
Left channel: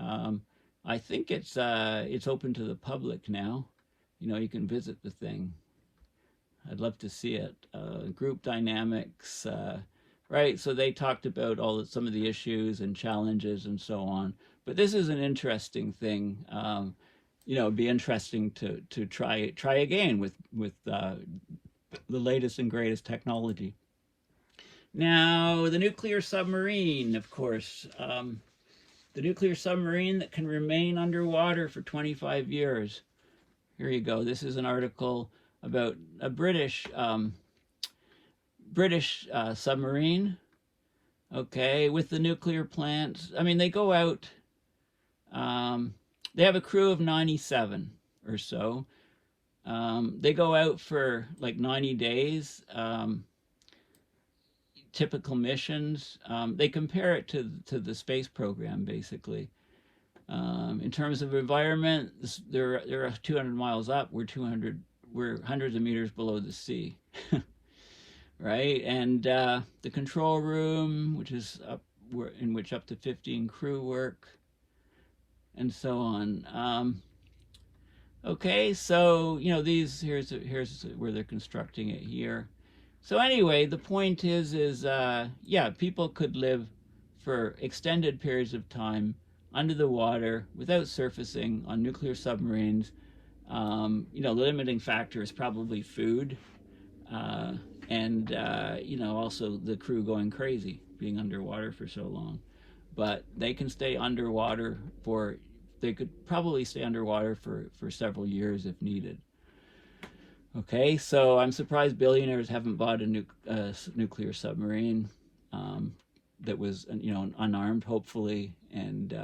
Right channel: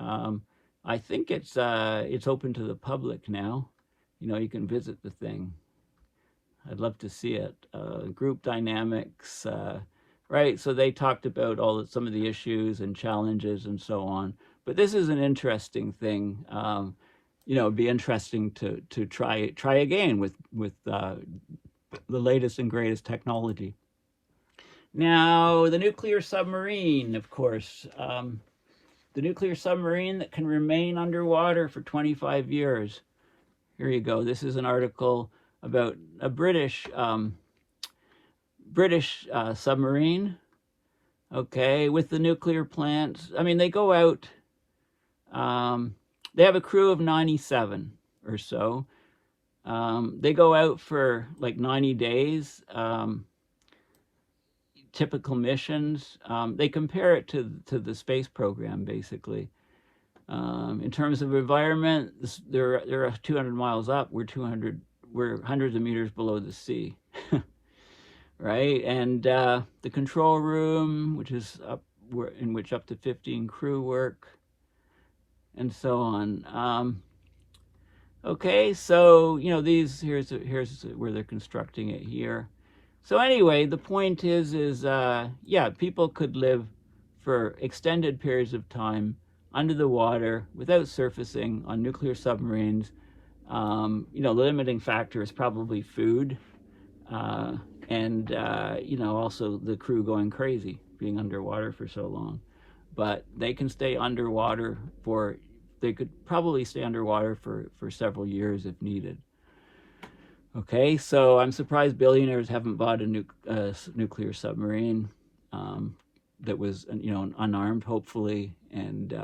I think it's open to the public now. You know, you can visit the thing. I'd love to see it. Group dynamics, right? So they talked about some of the issues and challenges and so on. But this is an interesting thing. You know, it'd be interesting to try again with the latest and greatest technology. Now, the nuclear submarine, of course, the nuclear submarine that can remain underwater for 25 years. Here you go. This is an article about a British submarine, okay, with the nuclear plants. I mean, they go out, they have a crew of 97 or so. They go out for like 90 days. Typical missions. They compare it to the space program, basically. In terms of environment, they're 200 miles up. We're hundreds of meters below the sea, right? And the control room, which is up, in which up to 15 crew work, and so on. Okay, so here's where they're constructing it here. So anyway, the point is yeah, people could live for extended periods of time under the water without surfacing on nuclear submarines. The limiting factor is probably food, and also the crew going crazy being underwater for so long. But they can stay underwater they could probably stay underwater for several years if needed. Okay, so I'm surprised billionaires haven't bought a nuclear submarine that was, unarmed, hopefully, and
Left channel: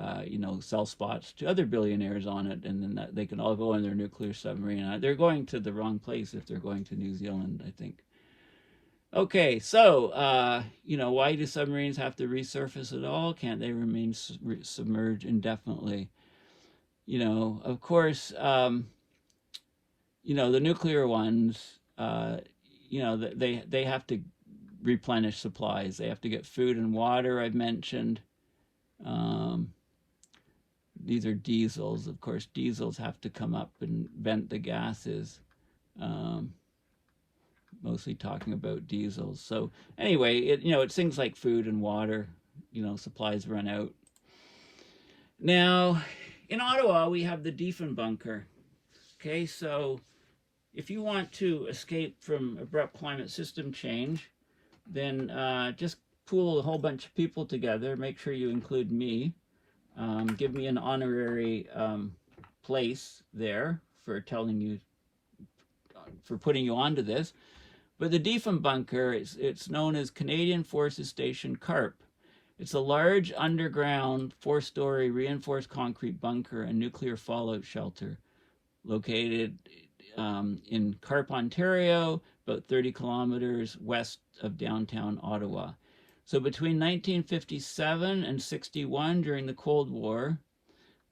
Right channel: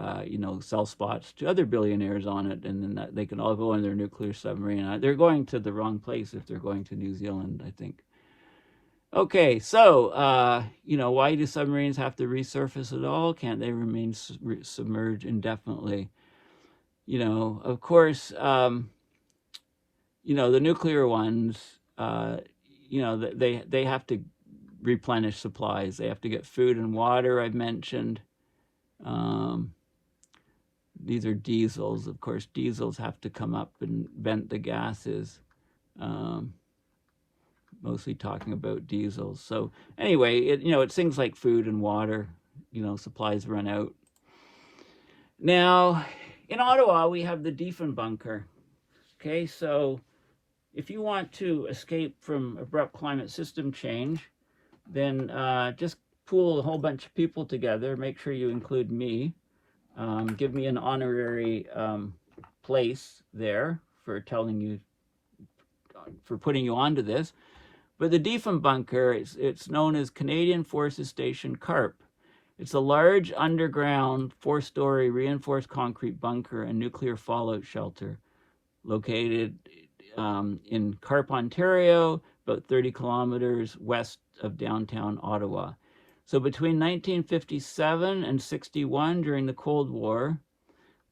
sell spots to other billionaires on it, and then they can all go in their nuclear submarine. They're going to the wrong place if they're going to New Zealand, I think. Okay, so why do submarines have to resurface at all? Can't they remain submerged indefinitely? Of course, the nuclear ones, they have to replenish supplies. They have to get food and water, I've mentioned. These are diesels. Of course, diesels have to come up and vent the gases. Mostly talking about diesels. So anyway, it's things like food and water. Supplies run out. Now, in Ottawa, we have the Diefenbunker. Okay, so if you want to escape from abrupt climate system change, then just pool a whole bunch of people together. Make sure you include me. Give me an honorary place there for putting you onto this. But the Diefenbunker, it's known as Canadian Forces Station Carp. It's a large underground 4-story reinforced concrete bunker and nuclear fallout shelter located in Carp, Ontario, about 30 kilometers west of downtown Ottawa. So between 1957 and 61, during the Cold War,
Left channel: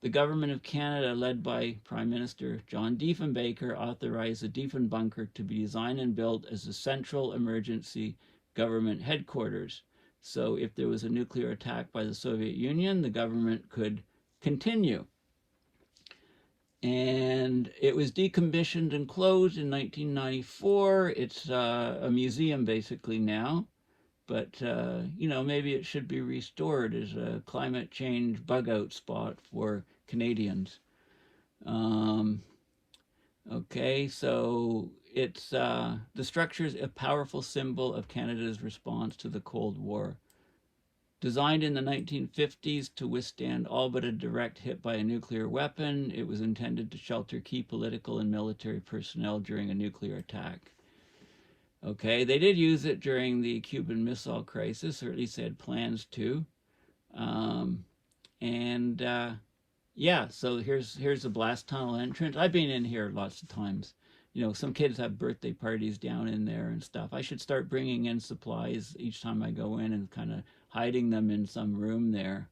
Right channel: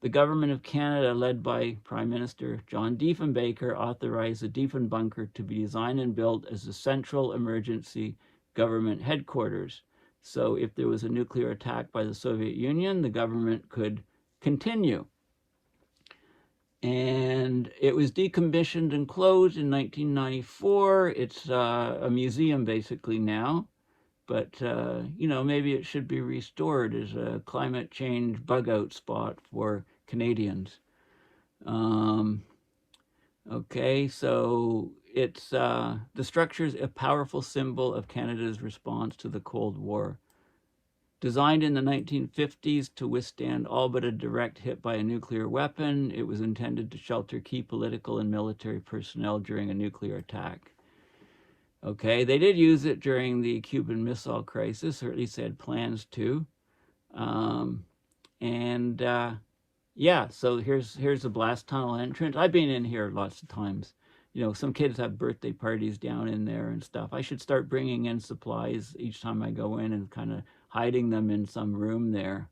the government of Canada, led by Prime Minister John Diefenbaker, authorized the Diefenbunker to be designed and built as the central emergency government headquarters. So if there was a nuclear attack by the Soviet Union, the government could continue. And it was decommissioned and closed in 1994. It's a museum basically now. But, maybe it should be restored as a climate change bug-out spot for Canadians. Okay, so it's the structure is a powerful symbol of Canada's response to the Cold War. Designed in the 1950s to withstand all but a direct hit by a nuclear weapon, it was intended to shelter key political and military personnel during a nuclear attack. Okay, they did use it during the Cuban Missile Crisis, or at least they had plans to. Yeah, so here's the blast tunnel entrance. I've been in here lots of times. Some kids have birthday parties down in there and stuff. I should start bringing in supplies each time I go in and kind of hiding them in some room there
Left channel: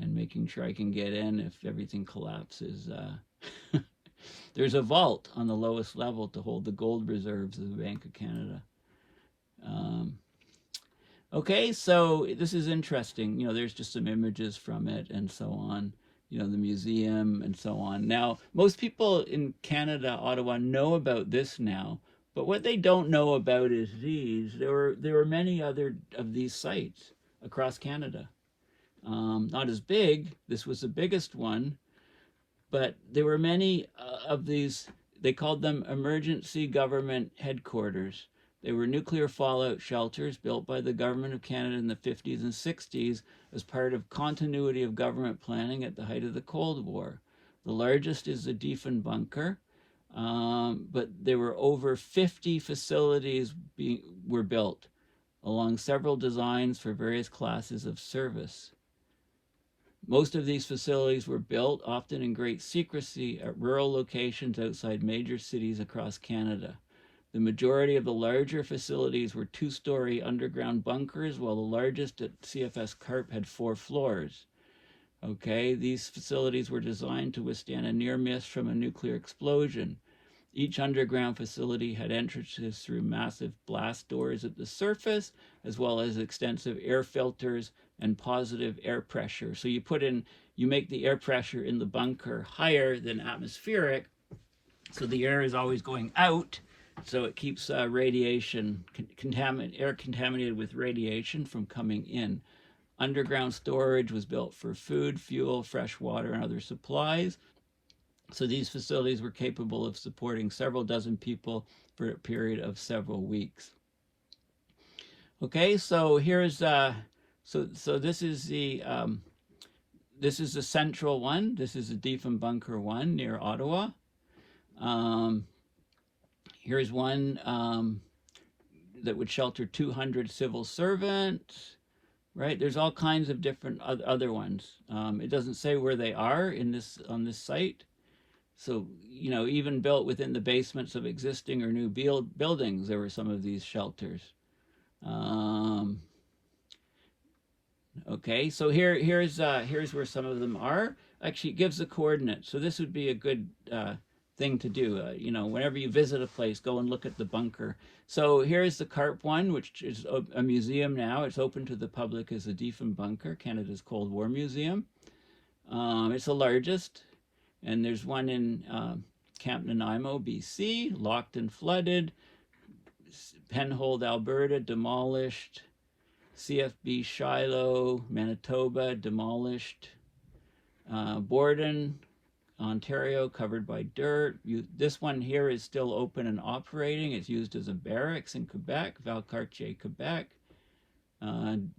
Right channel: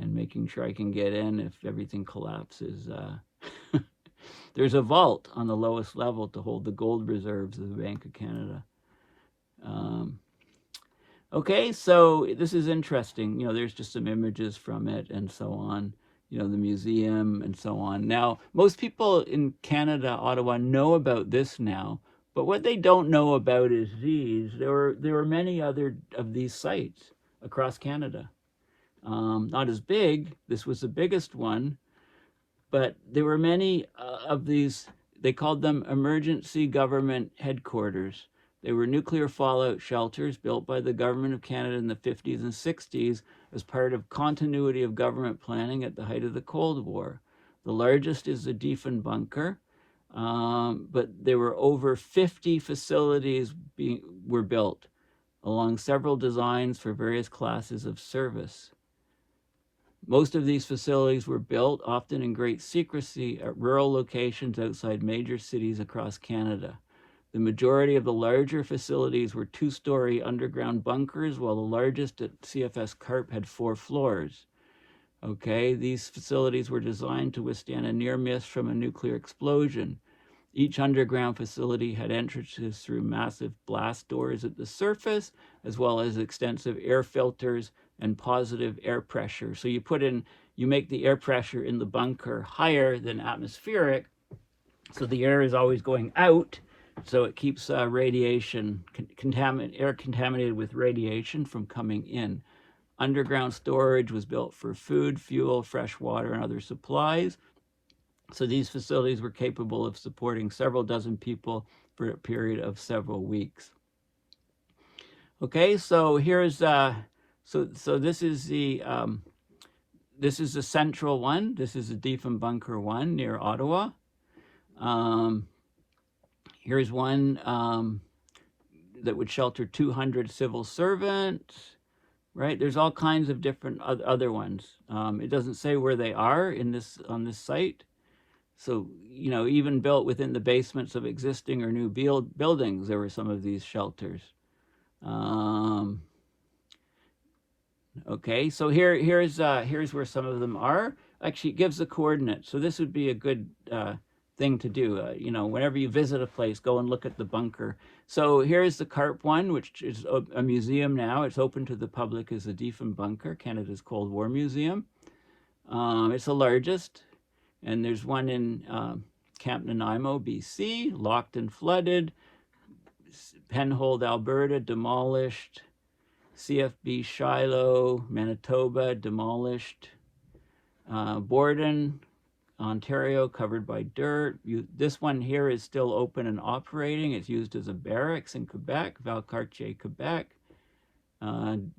and making sure I can get in if everything collapses. There's a vault on the lowest level to hold the gold reserves of the Bank of Canada. Okay, so this is interesting. There's just some images from it and so on. The museum and so on. Now, most people in Canada, Ottawa, know about this now, but what they don't know about is these. There were many other of these sites across Canada. Not as big. This was the biggest one. But there were many of these, they called them emergency government headquarters. They were nuclear fallout shelters built by the government of Canada in the 50s and 60s as part of continuity of government planning at the height of the Cold War. The largest is the Diefenbunker, but there were over 50 facilities were built along several designs for various classes of service. Most of these facilities were built, often in great secrecy, at rural locations outside major cities across Canada. The majority of the larger facilities were 2-story underground bunkers, while the largest at CFS Carp had 4 floors. Okay, these facilities were designed to withstand a near miss from a nuclear explosion. Each underground facility had entrances through massive blast doors at the surface, as well as extensive air filters and positive air pressure. So you make the air pressure in the bunker higher than atmospheric, so the air is always going out, so it keeps radiation, air contaminated with radiation from coming in. Underground storage was built for food, fuel, fresh water, and other supplies. So these facilities were capable of supporting several dozen people for a period of several weeks. Okay, so here's this is the central one. This is the Diefenbunker 1 near Ottawa. Here's one that would shelter 200 civil servants. Right, there's all kinds of different other ones. It doesn't say where they are on this site. So, you know, even built within the basements of existing or new buildings, there were some of these shelters. Okay, so here's where some of them are. Actually, it gives the coordinates. So this would be a good thing to do. You know, whenever you visit a place, go and look at the bunker. So here's the Carp one, which is a museum now. It's open to the public as the Diefenbunker, Canada's Cold War Museum. It's the largest. And there's one in Camp Nanaimo, BC, locked and flooded. Penhold, Alberta, demolished. CFB Shiloh, Manitoba, demolished. Borden, Ontario, covered by dirt. This one here is still open and operating. It's used as a barracks in Quebec, Valcartier, Quebec.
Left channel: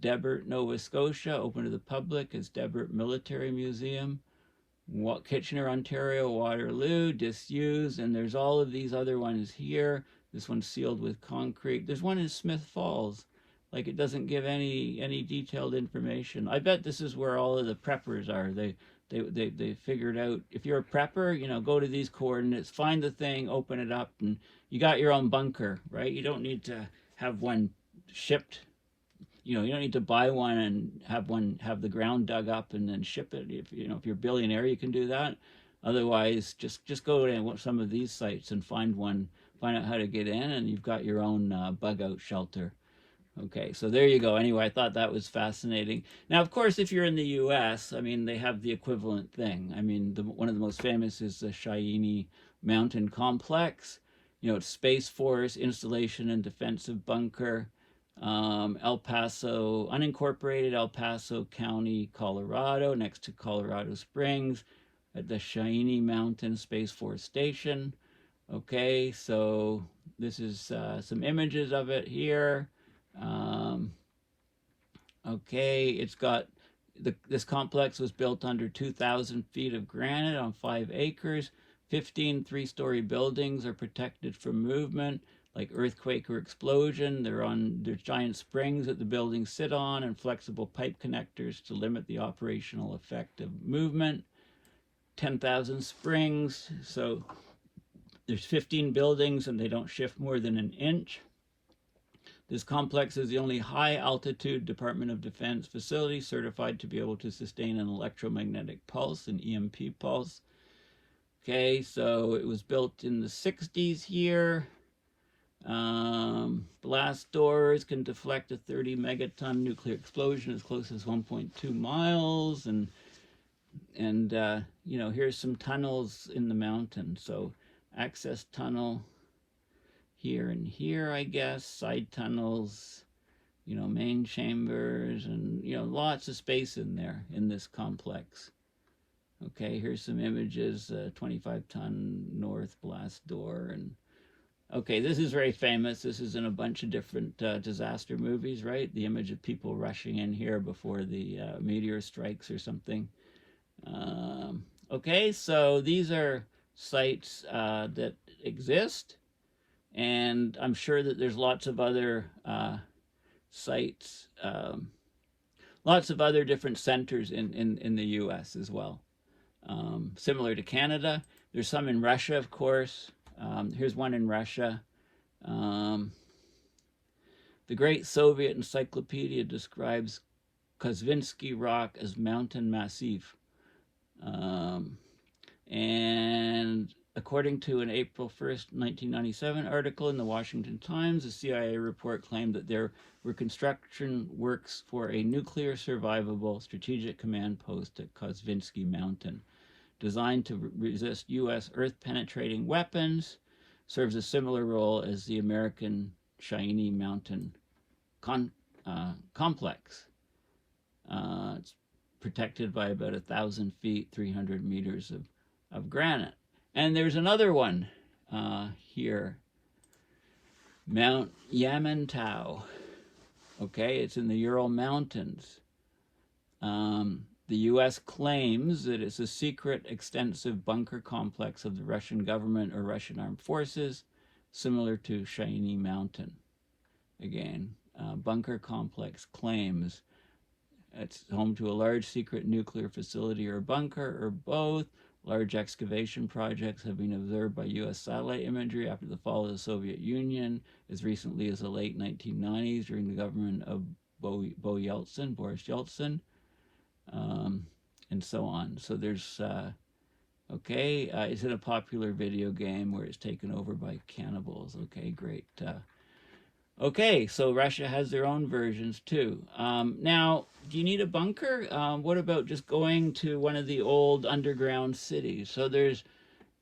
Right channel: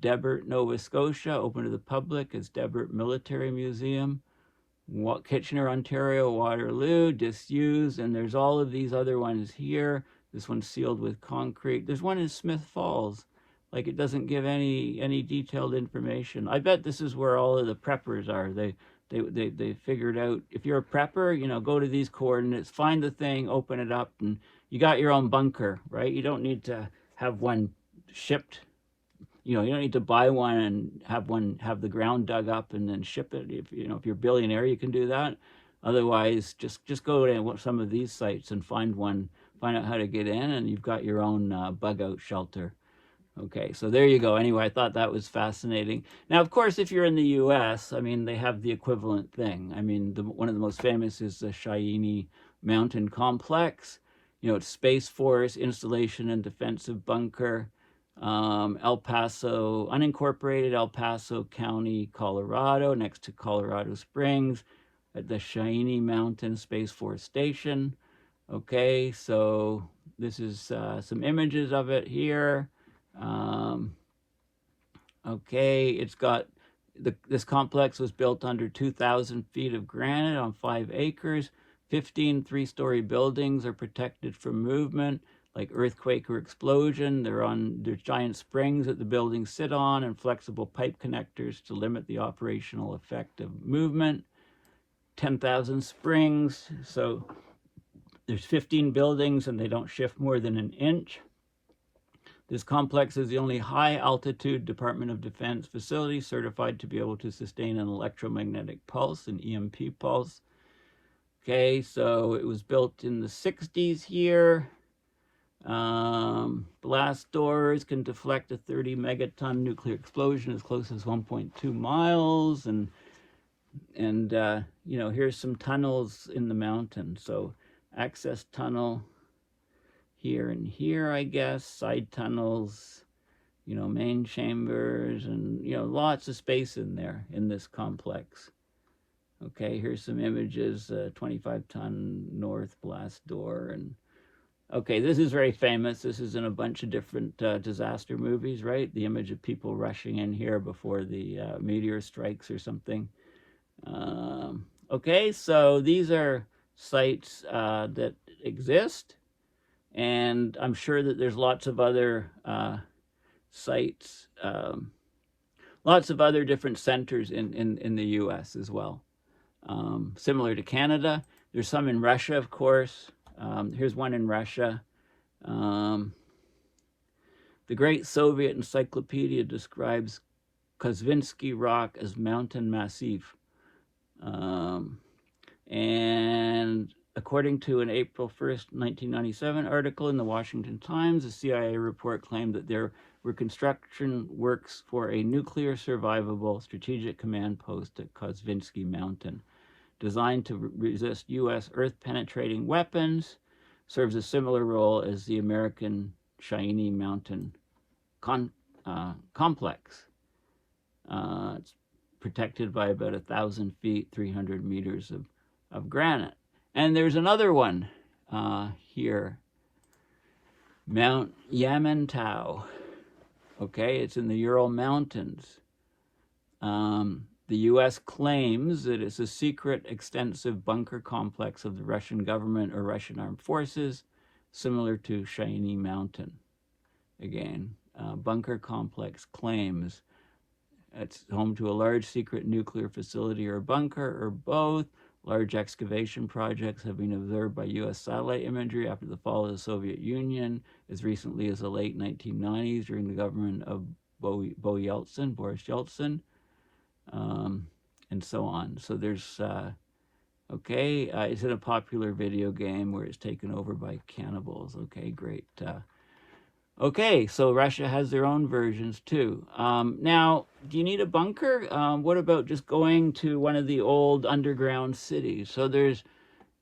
Debert, Nova Scotia, open to the public as Debert Military Museum. Kitchener, Ontario, Waterloo, disused, and there's all of these other ones here. This one's sealed with concrete. There's one in Smith Falls. Like, it doesn't give any detailed information. I bet this is where all of the preppers are. They figured out, if you're a prepper, you know, go to these coordinates, find the thing, open it up, and you got your own bunker, right? You don't need to have one shipped. You know, you don't need to buy one and have the ground dug up and then ship it. If you're a billionaire, you can do that. Otherwise, just go to some of these sites and find out how to get in, and you've got your own bug out shelter. Okay, so there you go. Anyway, I thought that was fascinating. Now, of course, if you're in the U.S., I mean, they have the equivalent thing. I mean, one of the most famous is the Cheyenne Mountain Complex. You know, it's Space Force, installation and defensive bunker. El Paso, unincorporated El Paso County, Colorado, next to Colorado Springs, at the Cheyenne Mountain Space Force Station. Okay, so this is some images of it here. Okay, it's got this complex was built under 2,000 feet of granite on 5 acres. 15 three-story buildings are protected from movement, like earthquake or explosion. There's giant springs that the buildings sit on and flexible pipe connectors to limit the operational effect of movement. 10,000 springs, so there's 15 buildings and they don't shift more than an inch. This complex is the only high-altitude Department of Defense facility certified to be able to sustain an electromagnetic pulse, an EMP pulse. Okay, so it was built in the 60s here. Blast doors can deflect a 30 megaton nuclear explosion as close as 1.2 miles. And you know, here's some tunnels in the mountain. So access tunnel here and here, I guess, side tunnels, you know, main chambers, and, you know, lots of space in there in this complex. Okay, here's some images, 25-ton north blast door. And okay, this is very famous. This is in a bunch of different disaster movies, right? The image of people rushing in here before the meteor strikes or something. Okay, so these are sites that exist. And I'm sure that there's lots of other sites, lots of other different centers in the U.S. as well. Similar to Canada. There's some in Russia, of course. Here's one in Russia. The Great Soviet Encyclopedia describes Kosvinsky rock as mountain massif. And according to an April 1st, 1997 article in the Washington Times, a CIA report claimed that there were construction works for a nuclear survivable strategic command post at Kosvinsky Mountain, designed to resist U.S. earth-penetrating weapons, serves a similar role as the American Cheyenne Mountain complex. It's protected by about 1,000 feet, 300 meters of granite. And there's another one here, Mount Yamantau. Okay, it's in the Ural Mountains. The U.S. claims that it's a secret, extensive bunker complex of the Russian government or Russian armed forces, similar to Cheyenne Mountain. Again, bunker complex claims it's home to a large secret nuclear facility or bunker or both. Large excavation projects have been observed by U.S. satellite imagery after the fall of the Soviet Union, as recently as the late 1990s during the government of Boris Yeltsin, and so on. So there's, is it a popular video game where it's taken over by cannibals? Okay, great. Okay, so Russia has their own versions too. Now, do you need a bunker? What about just going to one of the old underground cities? So there's,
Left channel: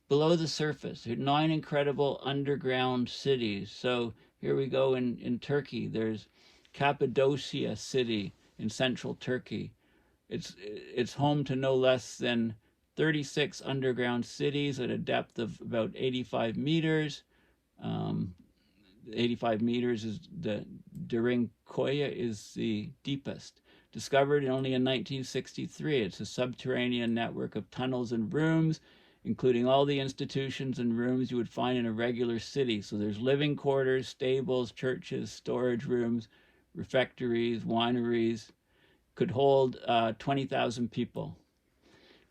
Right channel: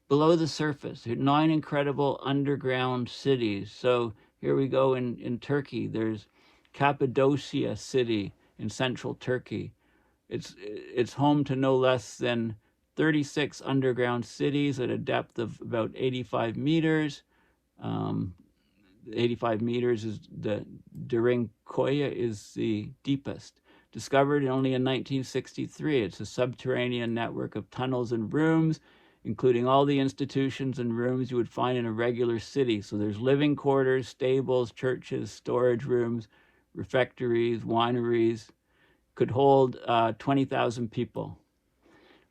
below the surface, there are 9 incredible underground cities. So here we go in Turkey. There's Cappadocia City in central Turkey. It's home to no less than 36 underground cities at a depth of about 85 meters. 85 meters is the Derinkoya is the deepest. Discovered only in 1963, it's a subterranean network of tunnels and rooms, including all the institutions and rooms you would find in a regular city. So there's living quarters, stables, churches, storage rooms, refectories, wineries. Could hold 20,000 people.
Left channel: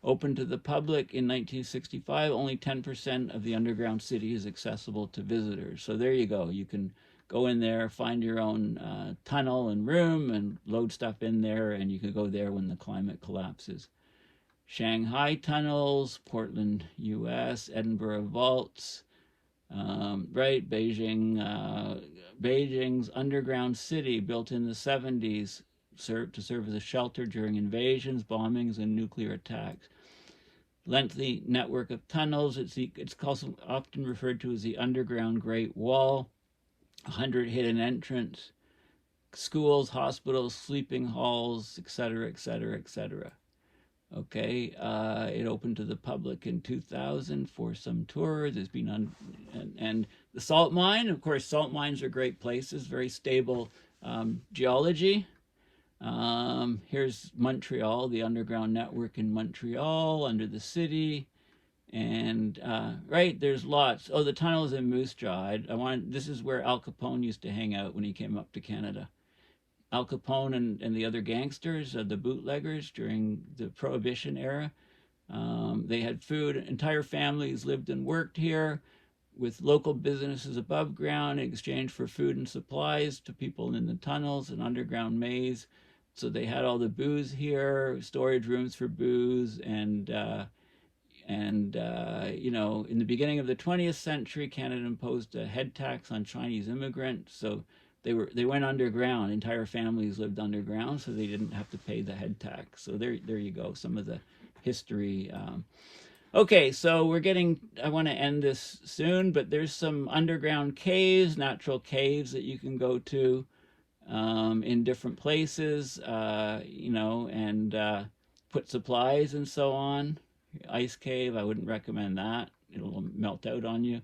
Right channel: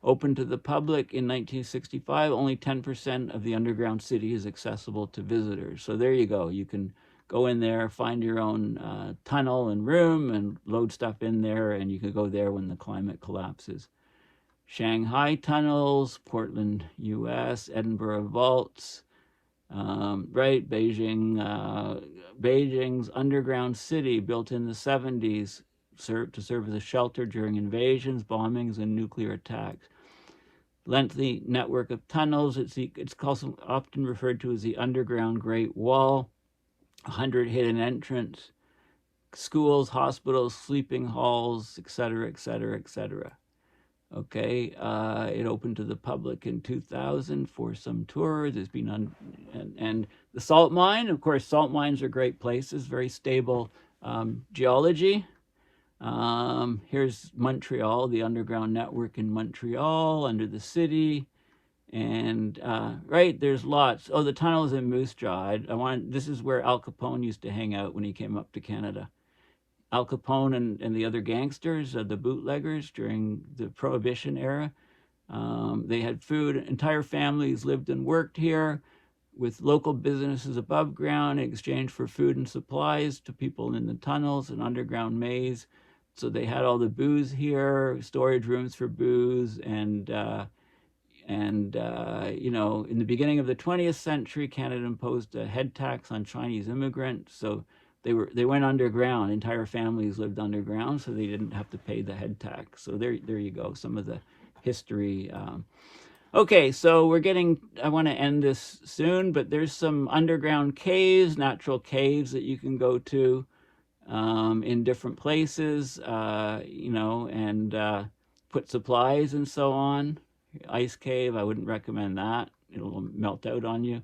Open to the public in 1965, only 10% of the underground city is accessible to visitors. So there you go. You can go in there, find your own tunnel and room and load stuff in there, and you can go there when the climate collapses. Shanghai tunnels, Portland, US, Edinburgh vaults, Beijing's underground city built in the 70s to serve as a shelter during invasions, bombings, and nuclear attacks. Lengthy network of tunnels. It's often referred to as the underground Great Wall. 100 hidden entrance. Schools, hospitals, sleeping halls, etc., etc., etc. Okay, it opened to the public in 2000 for some tours. It's been and the salt mine. Of course, salt mines are great places. Very stable geology. Here's Montreal, the underground network in Montreal, under the city, and there's lots. Oh, the tunnels in Moose Jaw. This is where Al Capone used to hang out when he came up to Canada. Al Capone and the other gangsters, the bootleggers during the Prohibition era. They had food. Entire families lived and worked here, with local businesses above ground in exchange for food and supplies to people in the tunnels and underground maze. So they had all the booze here, storage rooms for booze, and in the beginning of the 20th century, Canada imposed a head tax on Chinese immigrants. So they went underground. Entire families lived underground, so they didn't have to pay the head tax. So there you go. Some of the history. Okay, so I want to end this soon, but there's some underground caves, natural caves that you can go to. In different places, and put supplies and so on. Ice cave, I wouldn't recommend that. It'll melt out on you.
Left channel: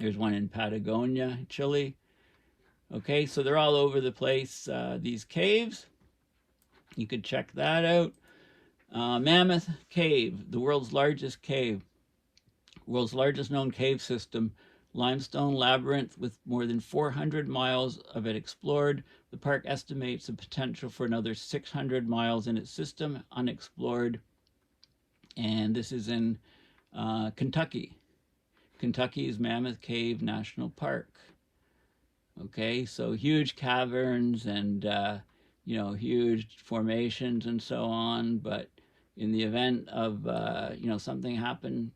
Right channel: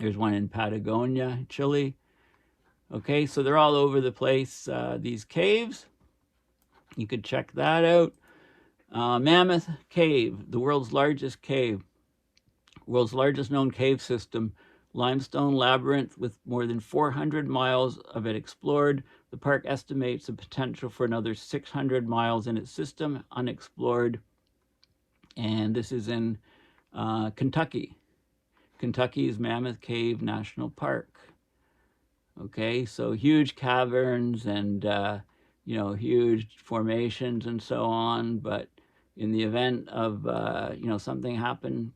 There's one in Patagonia, Chile. Okay, so they're all over the place, these caves. You could check that out. Mammoth Cave, the world's largest cave. World's largest known cave system. Limestone labyrinth with more than 400 miles of it explored. The park estimates the potential for another 600 miles in its system unexplored. And this is in Kentucky. Kentucky's Mammoth Cave National Park. Okay, so huge caverns and you know, huge formations and so on. But in the event of, you know, something happening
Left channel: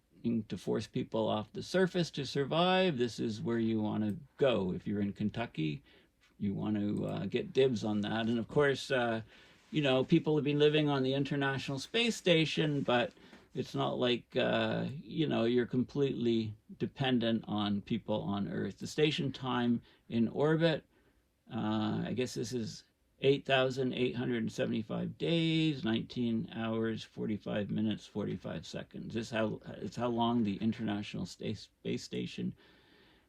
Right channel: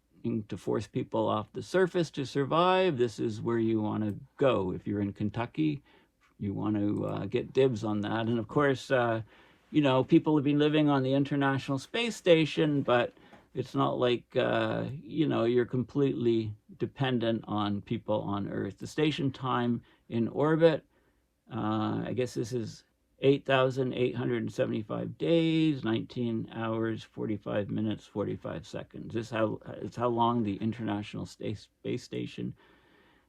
to force people off the surface to survive, this is where you want to go. If you're in Kentucky, you want to get dibs on that. And of course, you know, people have been living on the International Space Station, but it's not like, you know, you're completely dependent on people on Earth. The station time in orbit, I guess this is 8,875 days, 19 hours, 45 minutes, 45 seconds. This is how long the International Space Station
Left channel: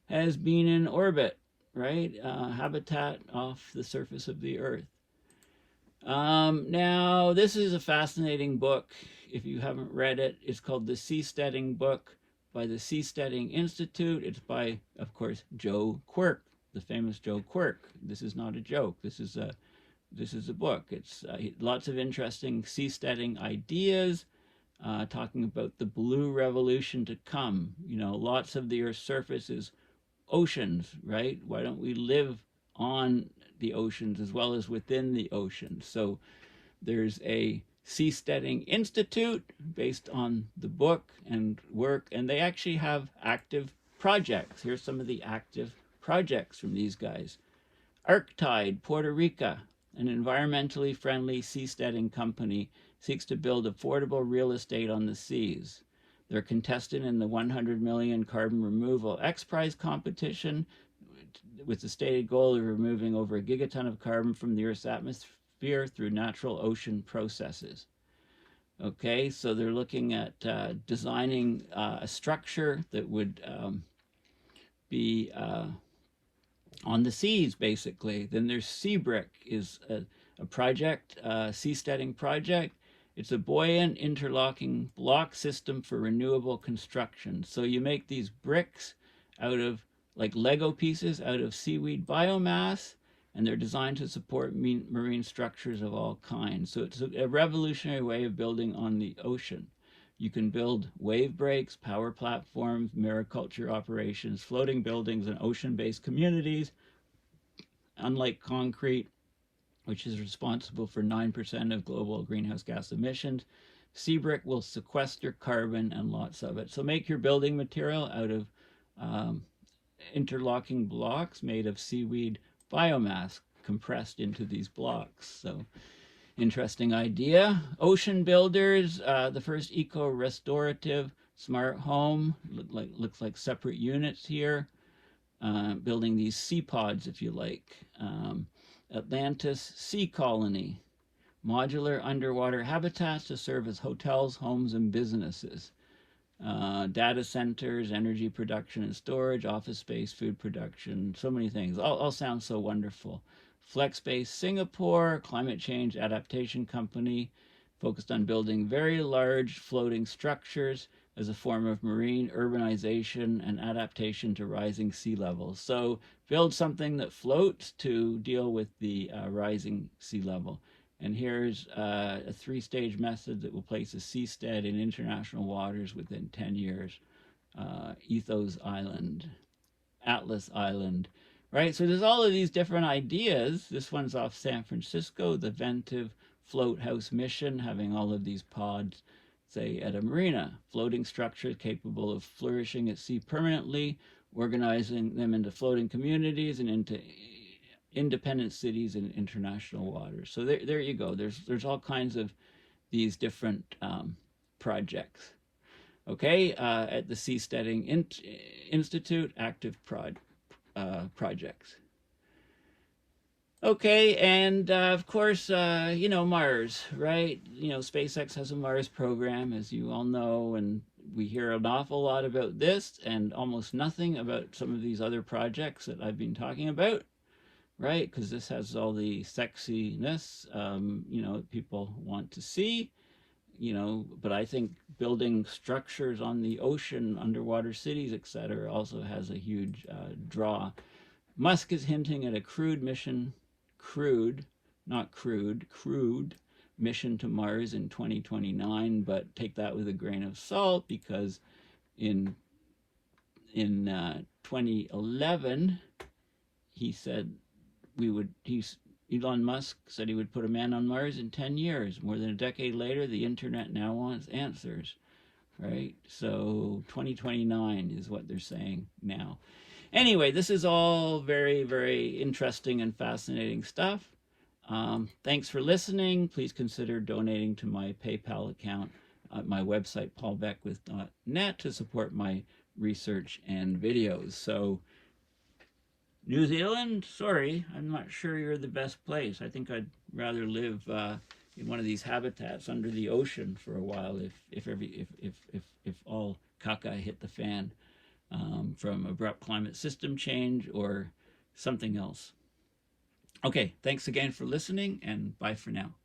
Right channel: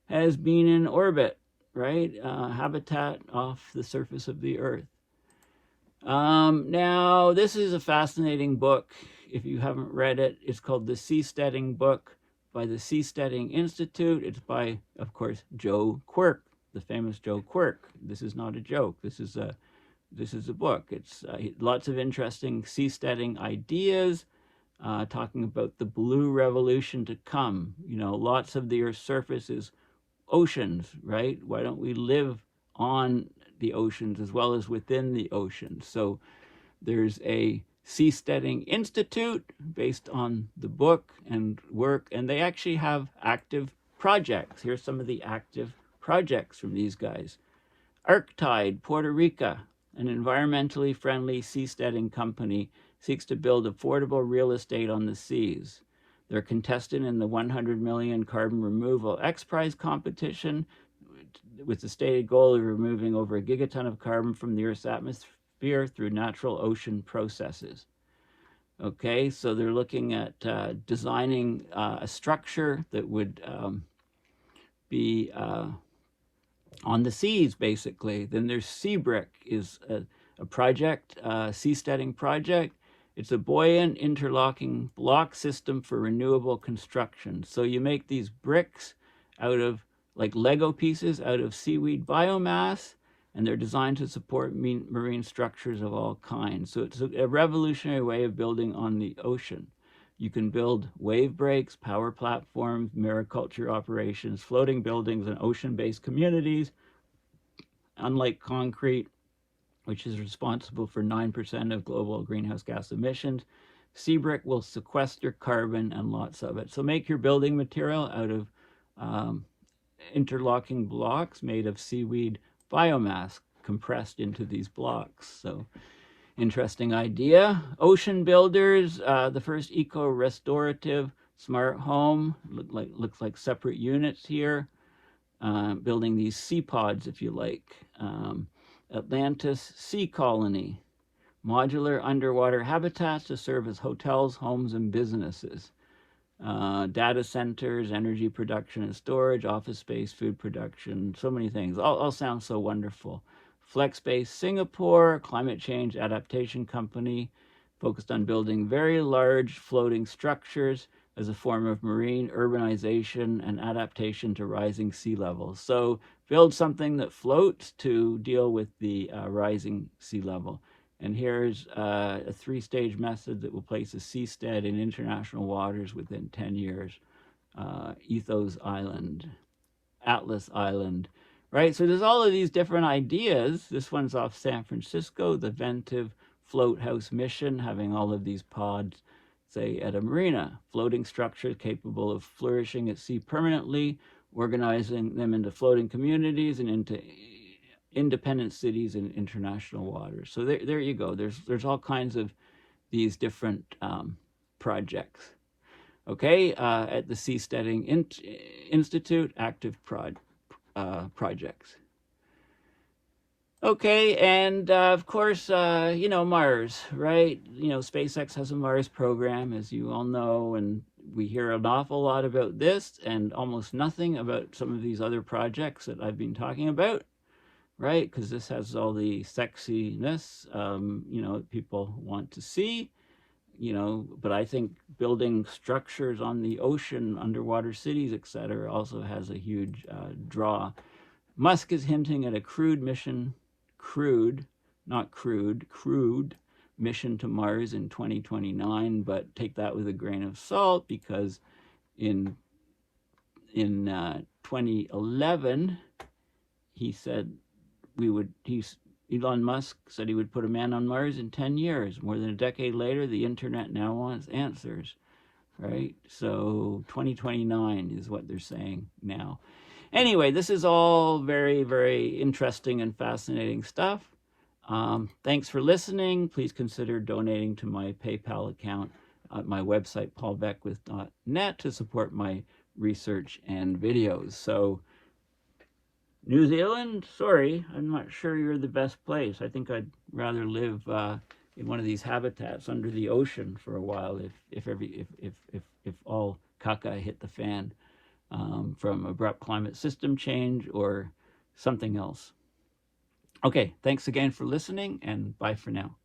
has been in orbit, right? Habitat off the surface of the Earth. Now, this is a fascinating book. If you haven't read it, it's called The Seasteading Book by the Seasteading Institute. It's by, of course, Joe Quirk, the famous Joe Quirk. This is not a joke. This is a book. It's lots of interesting seasteading ideas, talking about the blue revolution to come. You know, lots of the Earth's surface is oceans, right? Why don't we live on the oceans as well as within the oceans? So there's a Seasteading Institute based on the book and work, and they actually have active projects. Here's some of the active projects from these guys. Arctide, Puerto Rico, an environmentally friendly seasteading company, seeks to build affordable real estate on the seas. They're contested in the 100 million carbon removal X Prize competition with the stated goal of removing over a gigaton of carbon from the Earth's atmosphere through natural ocean processes. Okay, so they're looking at designing a structure that would be on the seas, basically. Then there's Seabrick, is a project, seasteading project. It's a buoyant interlocking block system for renewable construction. So you make these bricks out of, like Lego pieces, out of seaweed biomass, and they're designed to support marine structures of all kinds. So it's a revolutionary way of building on the ocean. You can build wave breaks, power platforms, mariculture operations, floating buildings, and ocean-based communities. Unlike concrete, which is responsible for 9% of global greenhouse gas emissions, Seabrick will sequester carbon and lots of it. So make your building material out of interlocking blocks made of seaweed biomass compressed into these blocks. So interesting idea. Ocean Builders, the first eco-restorative smart home. Looks like separate units here. Building these sea pods, if you like. Atlantis Sea Colony. Modular underwater habitats to serve as hotels, homes, and businesses. Data centers, energy production and storage, office space, food production, so many things. All sound so wonderful. FlexBase Singapore, climate change adaptation company, focused on building very large floating structures as a form of marine urbanization and adaptation to rising sea levels. So build something that floats to deal with the rising sea level. And here's a three-stage method that will place a seastead in international waters within 10 years. Ethos Island, Atlas Island, right? So there's all of these different ideas. This one's off San Francisco, the Ventive Float House mission, having all of these pods, say, at a marina. Floating structures capable of flourishing at sea permanently, organizing them into floating communities and into independent cities in international waters. So there you go. There's all kinds of these different projects. Okay, at the Seasteading Institute, active projects. Okay, and of course, you know, Mars, right? You know, SpaceX has a Mars program, as you all know, and we hear an awful lot about this and almost nothing about some of these other projects that I've been talking about, right? Because this has all the sexiness, you know, people want to see, you know, but I think building structures on the ocean, underwater cities, etc., also has a huge draw. Musk is hinting at a crewed mission to Mars in 2029, but take that with a grain of salt, because in 2011 he said Elon Musk said he would put a man on Mars in 10 years. More than a decade later, the internet now wants answers, right? So 2029 is what they're saying now. Anyway, this is all very, very interesting and fascinating stuff. Thanks for listening. Please consider donating to my PayPal account at my website, paulbeckwith.net, to support my research and videos. So, New Zealand, sorry, I'm not sure you're the best place. I think I'd rather live in one of these habitats under the ocean for a while if all caca hit the fan from abrupt climate system change or something else. Okay, thanks again for listening, and bye for now.